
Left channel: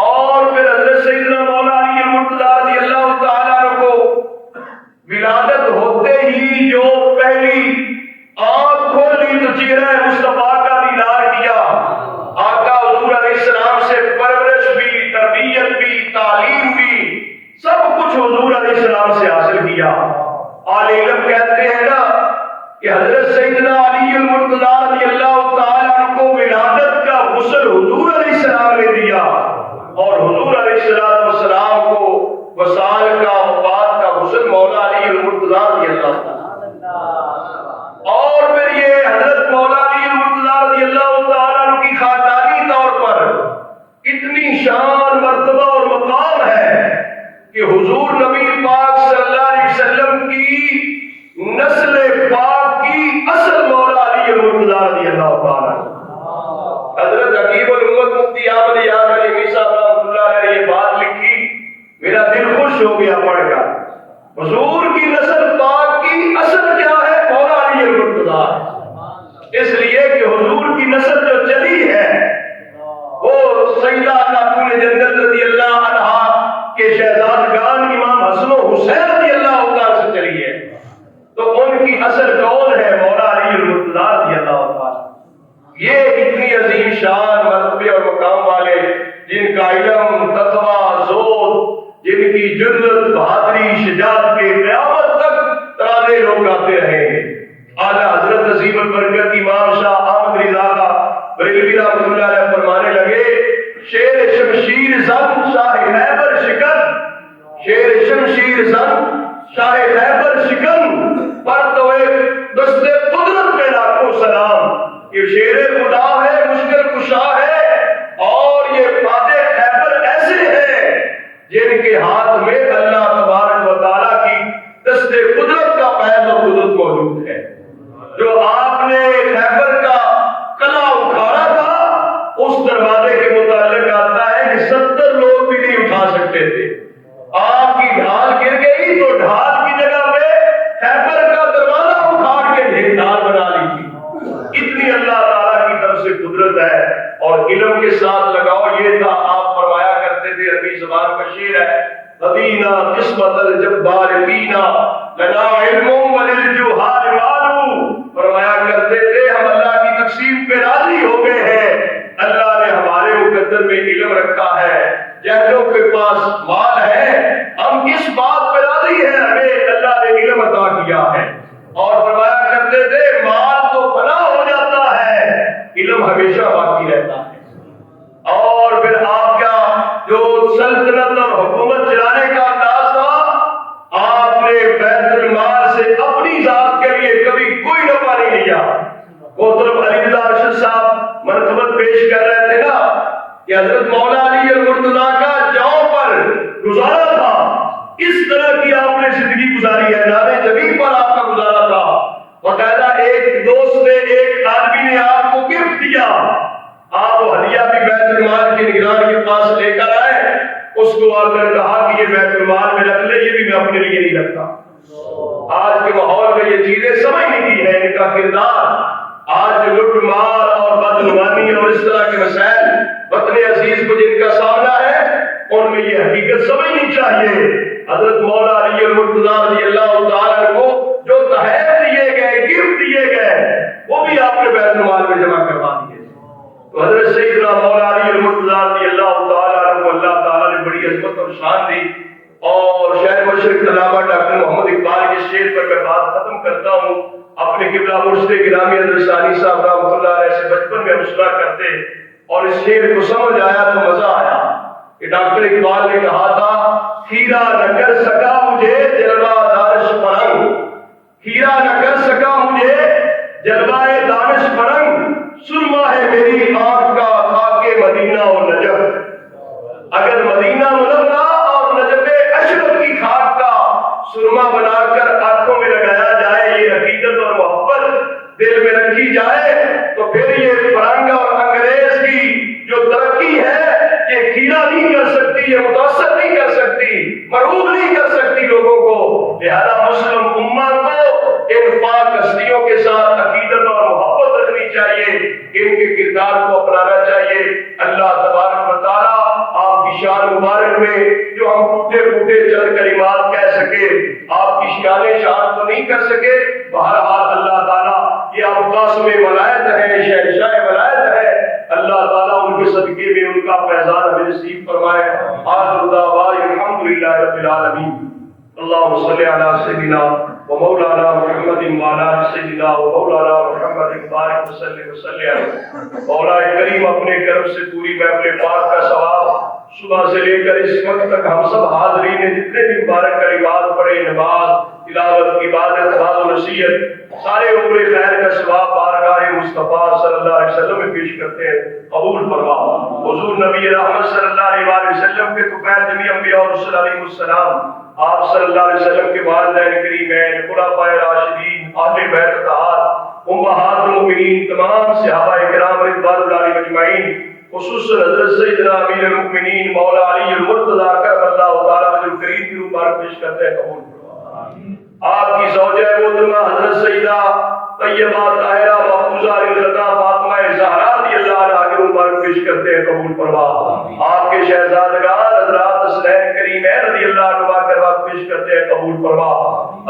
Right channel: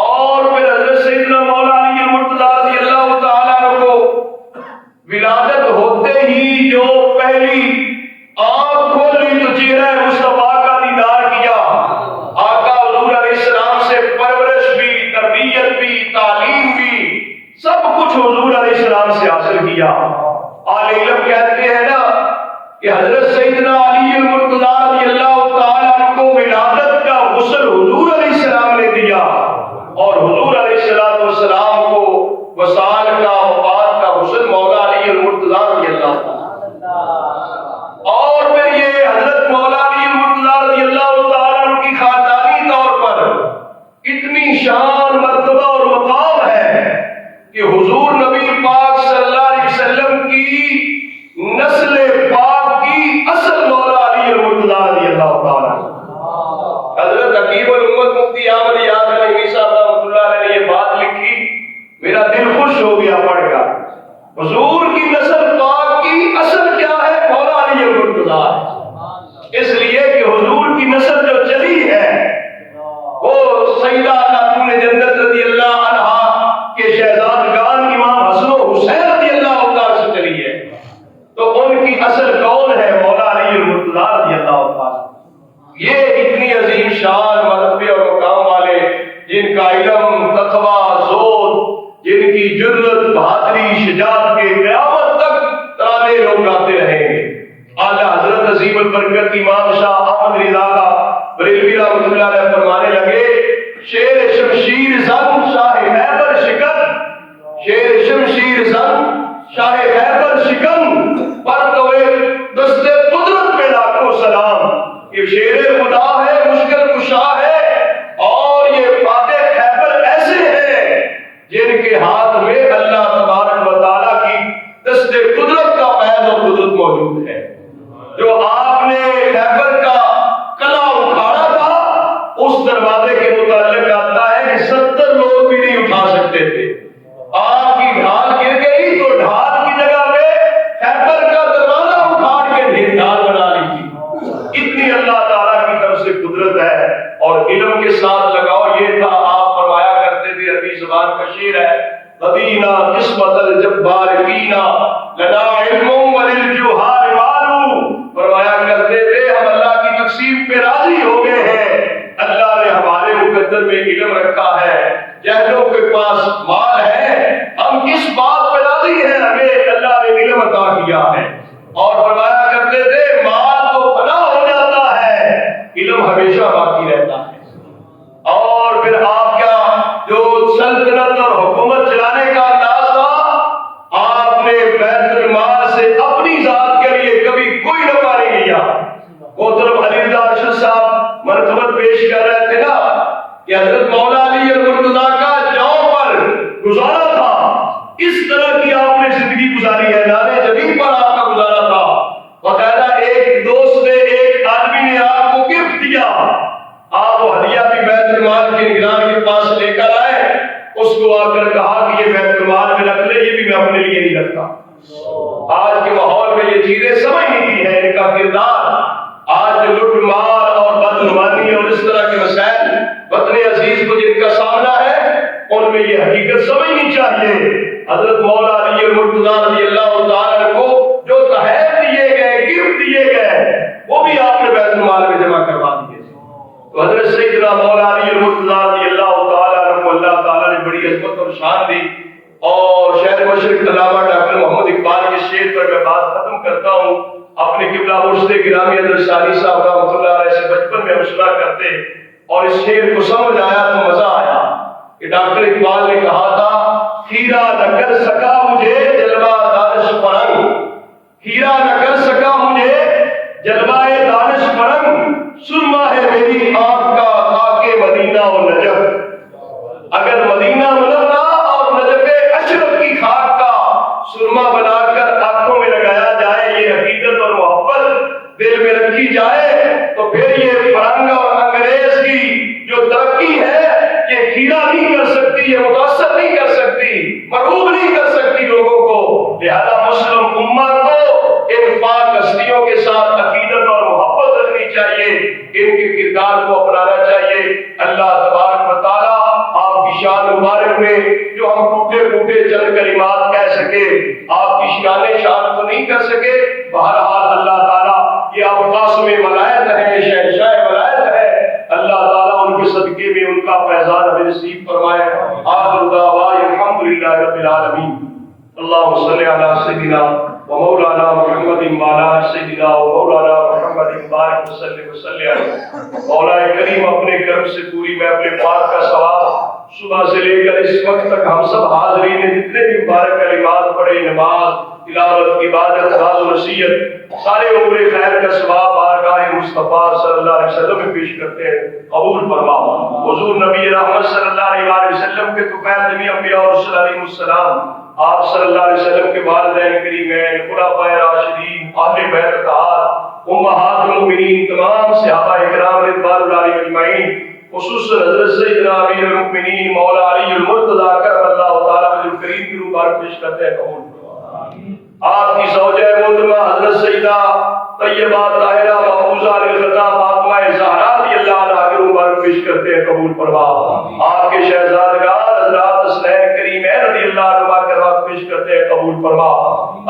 اور پھر حضرت سیدنا مولا علی المرتضیٰ رضی اللہ تعالی عنہ کو ولادت ہوتے ہی جو پہلی آنکھ کھولی تو چہرہ مصطفیٰ کا دیدار کیا, السلام سے حاصل کیا. آل علم کہتے ہیں نا کہ حضرت سیدنا علی المرتضیٰ رضی اللہ تعالیٰ عنہ کو ولادت کا غسل حضور علیہ السلام نے دیا اور حضور علیہ السلام کو وصال کا وفات کا غسل مولا علی المرتضیٰ رضی اللہ تعالیٰ. اور پھر یہ حضرت مولا علی المرتضیٰ رضی اللہ تعالیٰ عنہ کی خاندانی طور پر اتنی شان مرتبہ اور مقام ہے کہ حضور نبی پاک صلی اللہ علیہ وسلم کی نسل پاک کی اصل مولا علی المرتضیٰ رضی اللہ تعالیٰ عنہ. حضرت حکیم الامت مفتی احمد یاد علی صاحب رحمۃ اللہ علیہ نے یہ بات لکھی، میرا دل خوش ہو گیا پڑھ کر. حضور کی نسل پاک کی اصل کیا ہے؟ مولا علی المرتضیٰ. اس لیے کہ حضور کی نسل جو چلی ہے وہ سیدہ خاتون جنت رضی اللہ عنہا کے شہزادگان امام حسن و حسین رضی اللہ تعالیٰ سے چلی ہے. تو ان کی اصل کون ہے؟ مولا علی المرتضیٰ رضی اللہ تعالیٰ. یہ اتنی عظیم شان مرتبے اور مقام والے جن کا علم تقویٰ زہد، جن کی جرأت بہادری شجاعت کے قیامت تک ترانے لوگ گاتے رہیں گے. اعلیٰ حضرت عظیم البرکت امام شاہ احمد رضا کا بریلوی رحمۃ اللہ علیہ فرمانے لگے، شیر شمشیر زن شاہ خیبر شکن، شیر شمشیر زن شاہ خیبر شکن، پر تو دست قدرت پہ لاکھوں سلام. یہ شیر خدا ہے، مشکل کشا ہے، اور یہ فاتح خیبر ایسے ہیں جن کے ہاتھ میں اللہ تبارک و تعالیٰ کی دست قدرت کا فیض اور قدرت موجود ہے. جو آپ نے خیبر کا قلعہ اٹھانا تھا، اس دروازے کے متعلق آتا ہے کہ 70 لوگ بھی نہیں اٹھا سکتے تھے. آپ کی ڈھال گر گئی تو ڈھال کی جگہ پہ خیبر کا دروازہ اٹھا کے ڈھال بنا لی تھی. اتنی اللہ تعالیٰ کی طرف سے قدرت ہے. اور علم کے ساتھ لگاؤ یہ تھا، آپ فرمایا کرتے تھے، عربی زبان کا شعر ہے، رضینا قسمت الجبار فینا لنا علم وللجہال مالو. فرمایا کرتے تھے ہم اللہ کی تقسیم پہ راضی ہو گئے ہیں، اللہ نے ہمارے مقدر میں علم رکھا ہے، جاہلوں کے پاس مال ہے، ہم کس بات پہ راضی ہیں؟ ہمیں اللہ نے علم عطا کیا ہے. اور فرمایا کرتے تھے مال تو فنا ہو جاتا ہے، علم ہمیشہ باقی رہتا ہے. اور پھر آپ کا جو سلطنت اور حکومت چلانے کا انداز تھا، آپ نے بیت المال سے اپنی ذات کے لیے کبھی کوئی نفع نہیں لیا. محترم علی رضا ارشد صاحب مرتبت پیش کر رہے تھے نا کہ حضرت مولا علی المرتضیٰ کا جاؤں پر گزارا تھا، اس طرح کی آپ نے زندگی گزاری ہے. نارے جبین پر آپ کا گزارا تھا. باقاعدہ ایک دوست نے، ایک آدمی نے آپ کو گفٹ دیا، آپ وہ ہدیہ بھی بیت المال کے نگران کے پاس لے کر آئے. اس کو آ کر کہا کہ یہ بیت المال میں رکھ لے، یہ بھی میں اپنے لیے نہیں رکھتا. آج کے ماحول میں یہ چیزیں سمجھ نہیں کی ہے ان کا کردار. آج جو لٹ مار اور بدعنوانی اور اس طرح کے مسائل وطن عزیز کو جن کا سامنا ہے، ان میں یہ حقیقت سمجھنی چاہیے. حضرت مولا علی المرتضیٰ رضی اللہ تعالیٰ کو جو تحائف دیے گئے، گفٹ دیے گئے، وہ بھی آپ نے بیت المال میں جمع کروا دیے. تو حضرت سیدنا مولا علی المرتضیٰ رضی اللہ تعالیٰ عنہ کو اللہ تعالیٰ نے بڑی عظمت اور شان دی. اور شہر مشرق علامہ ڈاکٹر محمد اقبال کے شعر پر میں بات ختم کرتا ہوں. اپنے قبلہ مرشد گرامی حضرت ثانی صاحب رحمۃ اللہ علیہ سے بچپن میں ہم سنا کرتے، اور اس شعر کو سمجھ آیا تو مزہ آیا کہ ڈاکٹر اقبال نے کہا تھا، خیرہ نہ کر سکا مجھے جلوہ دانش فرنگ، خیرہ نہ کر سکا مجھے جلوہ دانش فرنگ، سرما ہے میری آنکھ کا خاک مدینہ و نجف. اگر مدینہ منورہ اور نجف اشرف کی خاک کا سرما بنا کر آنکھوں میں لگایا جائے، یہ حقیقت اور محبت دل میں رکھی جائے، تو پھر یہ فرنگ اور انگریز کی جو ترقی ہے یہ کھیرا نہیں کر سکتی، یہ متاثر نہیں کر سکتی، مرغوب نہیں کر سکتی لوگوں کو. لہذا مسلم امت کو ان پاک ہستیوں کے ساتھ عقیدت اور محبت رکھنی چاہیے، ان کے کردار کو اپنانا چاہیے. اللہ تبارک و تعالیٰ آپ کی شان مبارک میں جو ہم ٹوٹے پھوٹے چل کلمات کہہ سکے، آپ کی شان تو نہیں کر سکے، بہرحال اللہ تعالیٰ یہ اوقاس میں ولایت ہے، شہنشاہ ولایت ہے. اللہ تعالیٰ ان کے صدقے میں ان کا فیضان ہمیں نصیب فرمائے. آخر دعوانا الحمدللہ رب العالمین. اللهم صل على سيدنا ومولانا محمد وعلى آل سيدنا ومولانا محمد بارك وسلم مولا کریم اپنے کرم سے پوری محفل پاک کا ثواب صبح سے لے کر اس وقت تک ہم سب حاضرین نے جتنے بھی مبارک کلمات پڑھے، نماز، تلاوت، عبادت، واعظ و نصیحت، سارے عمر خیر کا ثواب بارگاہ مصطفیٰ صلی اللہ علیہ وسلم میں پیش کرتے ہیں، قبول فرما۔ حضور نبی رحمت صلی اللہ علیہ وسلم کے طفیل جمیع انبیاء اور رسل علیہ السلام، آپ صلی اللہ علیہ وسلم کے والدین کریمین، خلفائے راشدین، اہل بیت اطہار، امہات المؤمنین، تمام صحابہ کرام رضوان اللہ علیہم اجمعین، خصوصاً حضرت سیدنا امیر المؤمنین مولا علی المرتضیٰ کرم اللہ تعالیٰ وجہ الکریم کی روح بارک پیش کرتے ہیں، قبول فرما۔ آپ کی زوجہ محترمہ حضرت سیدہ طیبہ طاہرہ محفوظہ الخدا فاطمہ زہرا رضی اللہ عنہا کی روح مبارک پیش کرتے ہیں، قبول فرما۔ آپ کے شہزادگان حضرات حسنین کریمین رضی اللہ عنہما کی روح پیش کرتے ہیں، قبول فرما۔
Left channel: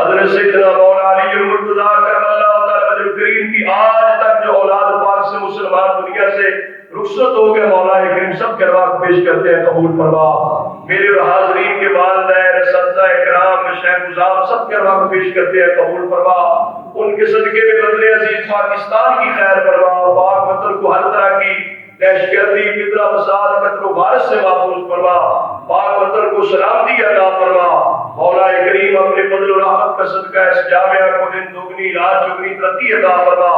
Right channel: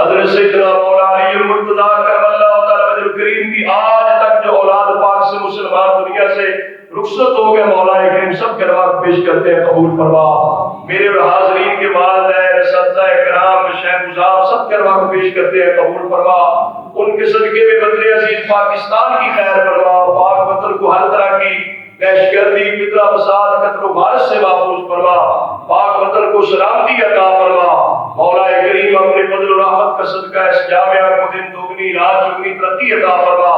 حضرت سیدنا مولا علی المرتضیٰ کرم اللہ تعالی وجہ الکریم کی آج تک جو اولاد پاک سے مسلمان دنیا سے رخصت ہو گئے، مولا کریم سب کے روح پیش کرتے ہیں، قبول فرما۔ میرے اور حاضرین کے والدین، اساتذہ کرام، شیخ گزار سب کے روح پیش کرتے ہیں، قبول فرما۔ ان کے صدقے میں وطن عزیز پاکستان کی خیر فرما، پاک وطن کو ہر طرح کی دہشت گردی، فتنہ فساد، قتل و غارت سے محفوظ فرما، پاک وطن کو سلامتی عطا فرما۔ مولا کریم اپنے فضل و رحمت کا صدقہ اس جامعہ کو دن دوگنی رات چگنی ترقی عطا فرما۔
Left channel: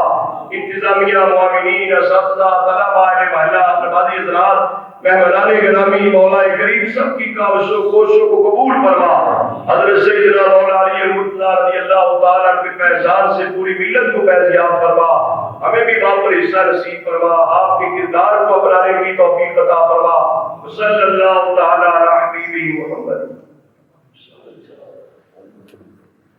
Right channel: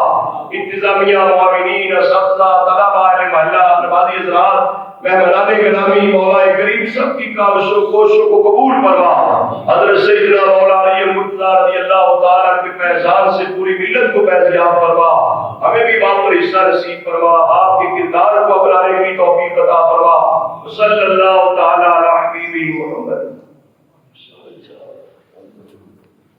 انتظامیہ، معاونین، اساتذہ، طلباء، محلہ، نمازی حضرات، مہمانان گرامی، مولا کریم سب کی کاوشوں کوششوں کو قبول فرما۔ حضرت سیدنا مولا علی المرتضیٰ رضی اللہ تعالیٰ کے فیضان سے پوری ملت کو فیضیاب فرما، ہمیں بھی باپ پر حصہ نصیب فرما، آپ کے کردار کو اپنانے کی توفیق عطا فرما۔ صلی اللہ تعالیٰ